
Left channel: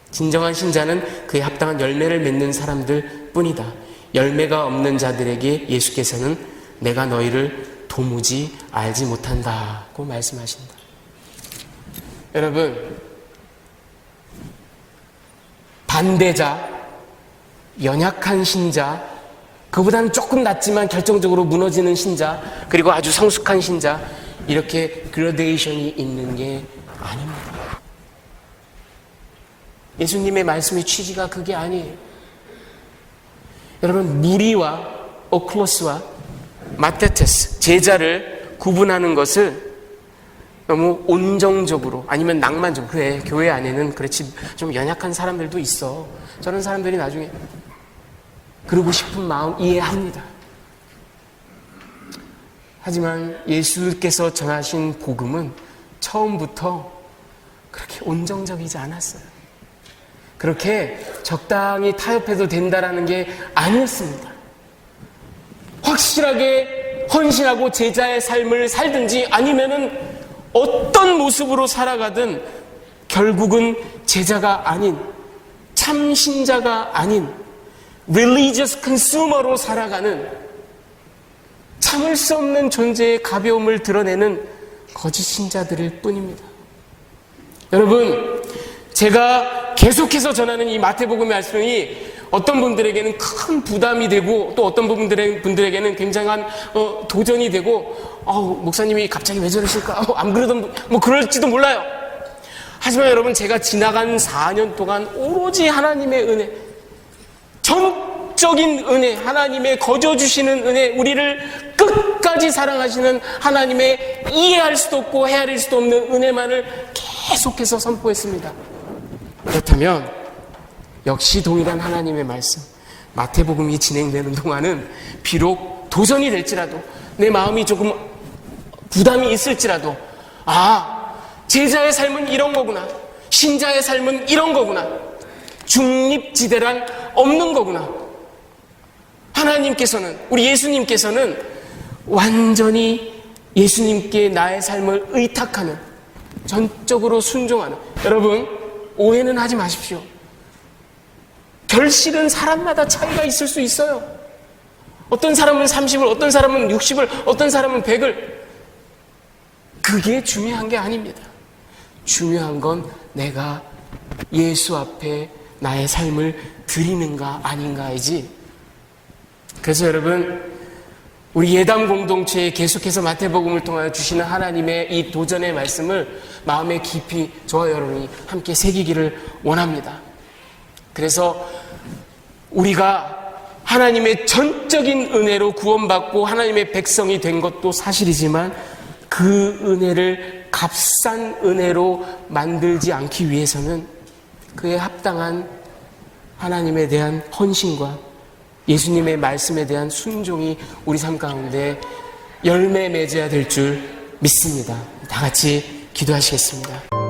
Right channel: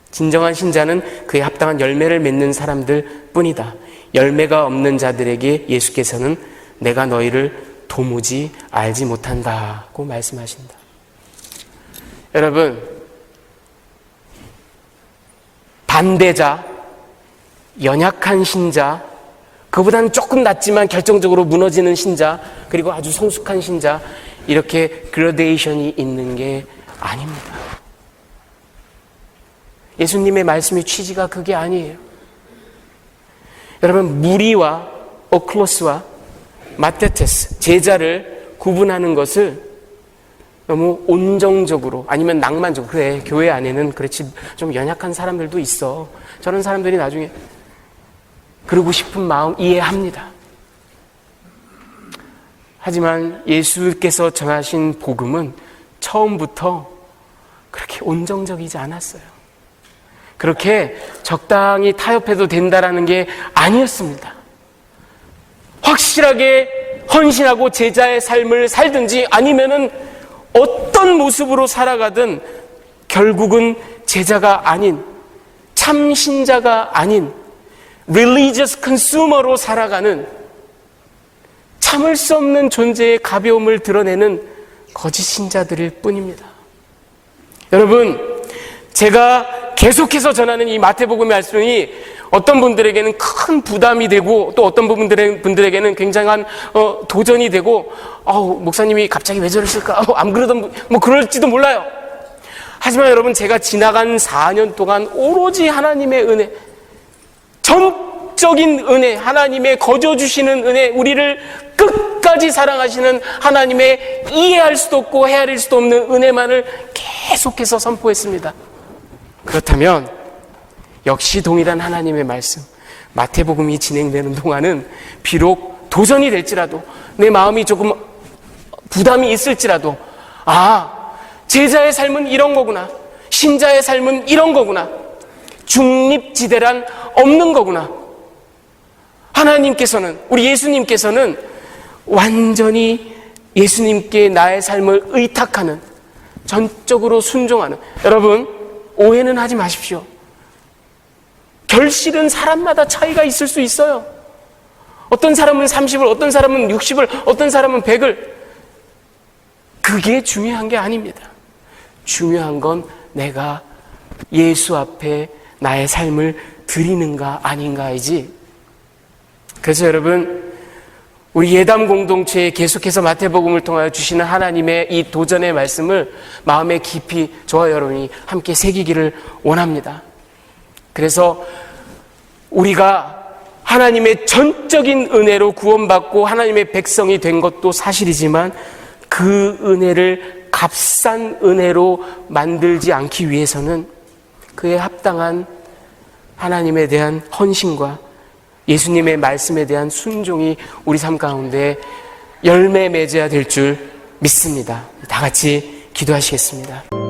진정한 신자는 그에 합당한 열매를 맺는 사람들 뿐이다. 열매가 없는 자들에게 예수께서는 내가 너희를 도무지 알지 못한다고 말씀하신다. 여러분, 반대자, 연약한 신자, 그보다는 조금 낫지만 결정적으로 무너지는 신자, 그리고 아주 성숙한 신자, 이렇게 그라데이션이 있는 게 아닙니다. 예수님의 말씀의 취지가 그게 아니에요. 여러분, 무리와 오클로스와 마테테스, 제자를 구분하는 것을 너무 온정적으로, 아니면 낭만적으로, 그래 교회 안에는 그렇지 좀 연약한 사람들도 있어, 저런 사람들이 나중에 그러고 싶은 마음 이해합니다. 하지만 예수께서 전하신 복음은 처음부터 그렇게 온정적이지 않았어요. 그렇게 적당히 타협해도 된다라는 게 아니었습니다. 확실하게 헌신하고 제자의 삶을 살든지 아니면은 어떤 모습으로 살아가든 결국은 제자가 아닌, 참 신자가 아닌 religious consumer로 살아가는, 참을 수 없는 존재의 가벼움을 드러내는 거짓 신자들일 뿐입니다. 여러분, 제가 계속해서 전하는 이 마태복음의 말씀이 어떤 분들에게는 큰 부담이 되고 또 어떤 분들에게는 굉장한 도전이 되고 목사님이 갑자기 왜 저러실까? 안 그러던 뭐 그럴지도 몰라요. 하지만 여러분, 제가 지나간 4년 동안 오로지 하나님의 은혜, 전적인 은혜, 하나님의 거저 주시는 은혜, 우리를 끝까지 사랑하시는 하나님의 이해할 수도 없고 헤아릴 수도 없는 은혜만을 계속해서 선포했습니다. 그렇다면 역시 동일한 하나님의 말씀, 마태복음이 진행되는 동안은 비록 도전이 될지라도, 내 마음이 조금 부담이 있을지라도, 제자의 삶은 이런 거구나, 신자의 삶은 이런 거구나, 중립지대란 없는 거구나, 하나님께서는, 우리 예수님께서는 완전히 예수님께 나의 삶을 의탁하는, 전적으로 순종하는, 여러분 오해는 하지 마십시오. 결실은 사람마다 차이가 있을 수 있어요. 어떤 사람은 30을, 어떤 사람은 60을, 어떤 사람은 100을. 그게 중요한 게 아닙니다. 중요한 건 내가 예수 앞에 나의 삶을 드리는가 아닌가이지. 그래서 여러분, 우리 예담 공동체에 계속해서 마태복음을 통하여 주시는 하나님의 이 도전의 말씀을 마음에 깊이 저와 여러분이 함께 새기기를 원합니다. 그래서 우리가 하나님의 전적인 은혜로 구원받고 하나님의 백성이 된 것도 사실이지만, 그 은혜를 값싼 은혜로 만들지 않기 위해서는 그에 합당한 하나님에 대한 헌신과 예수님의 말씀에 대한 순종이 우리 삶 가운데 열매 맺어야 될 줄 믿습니다. 다 같이 기도하시겠습니다.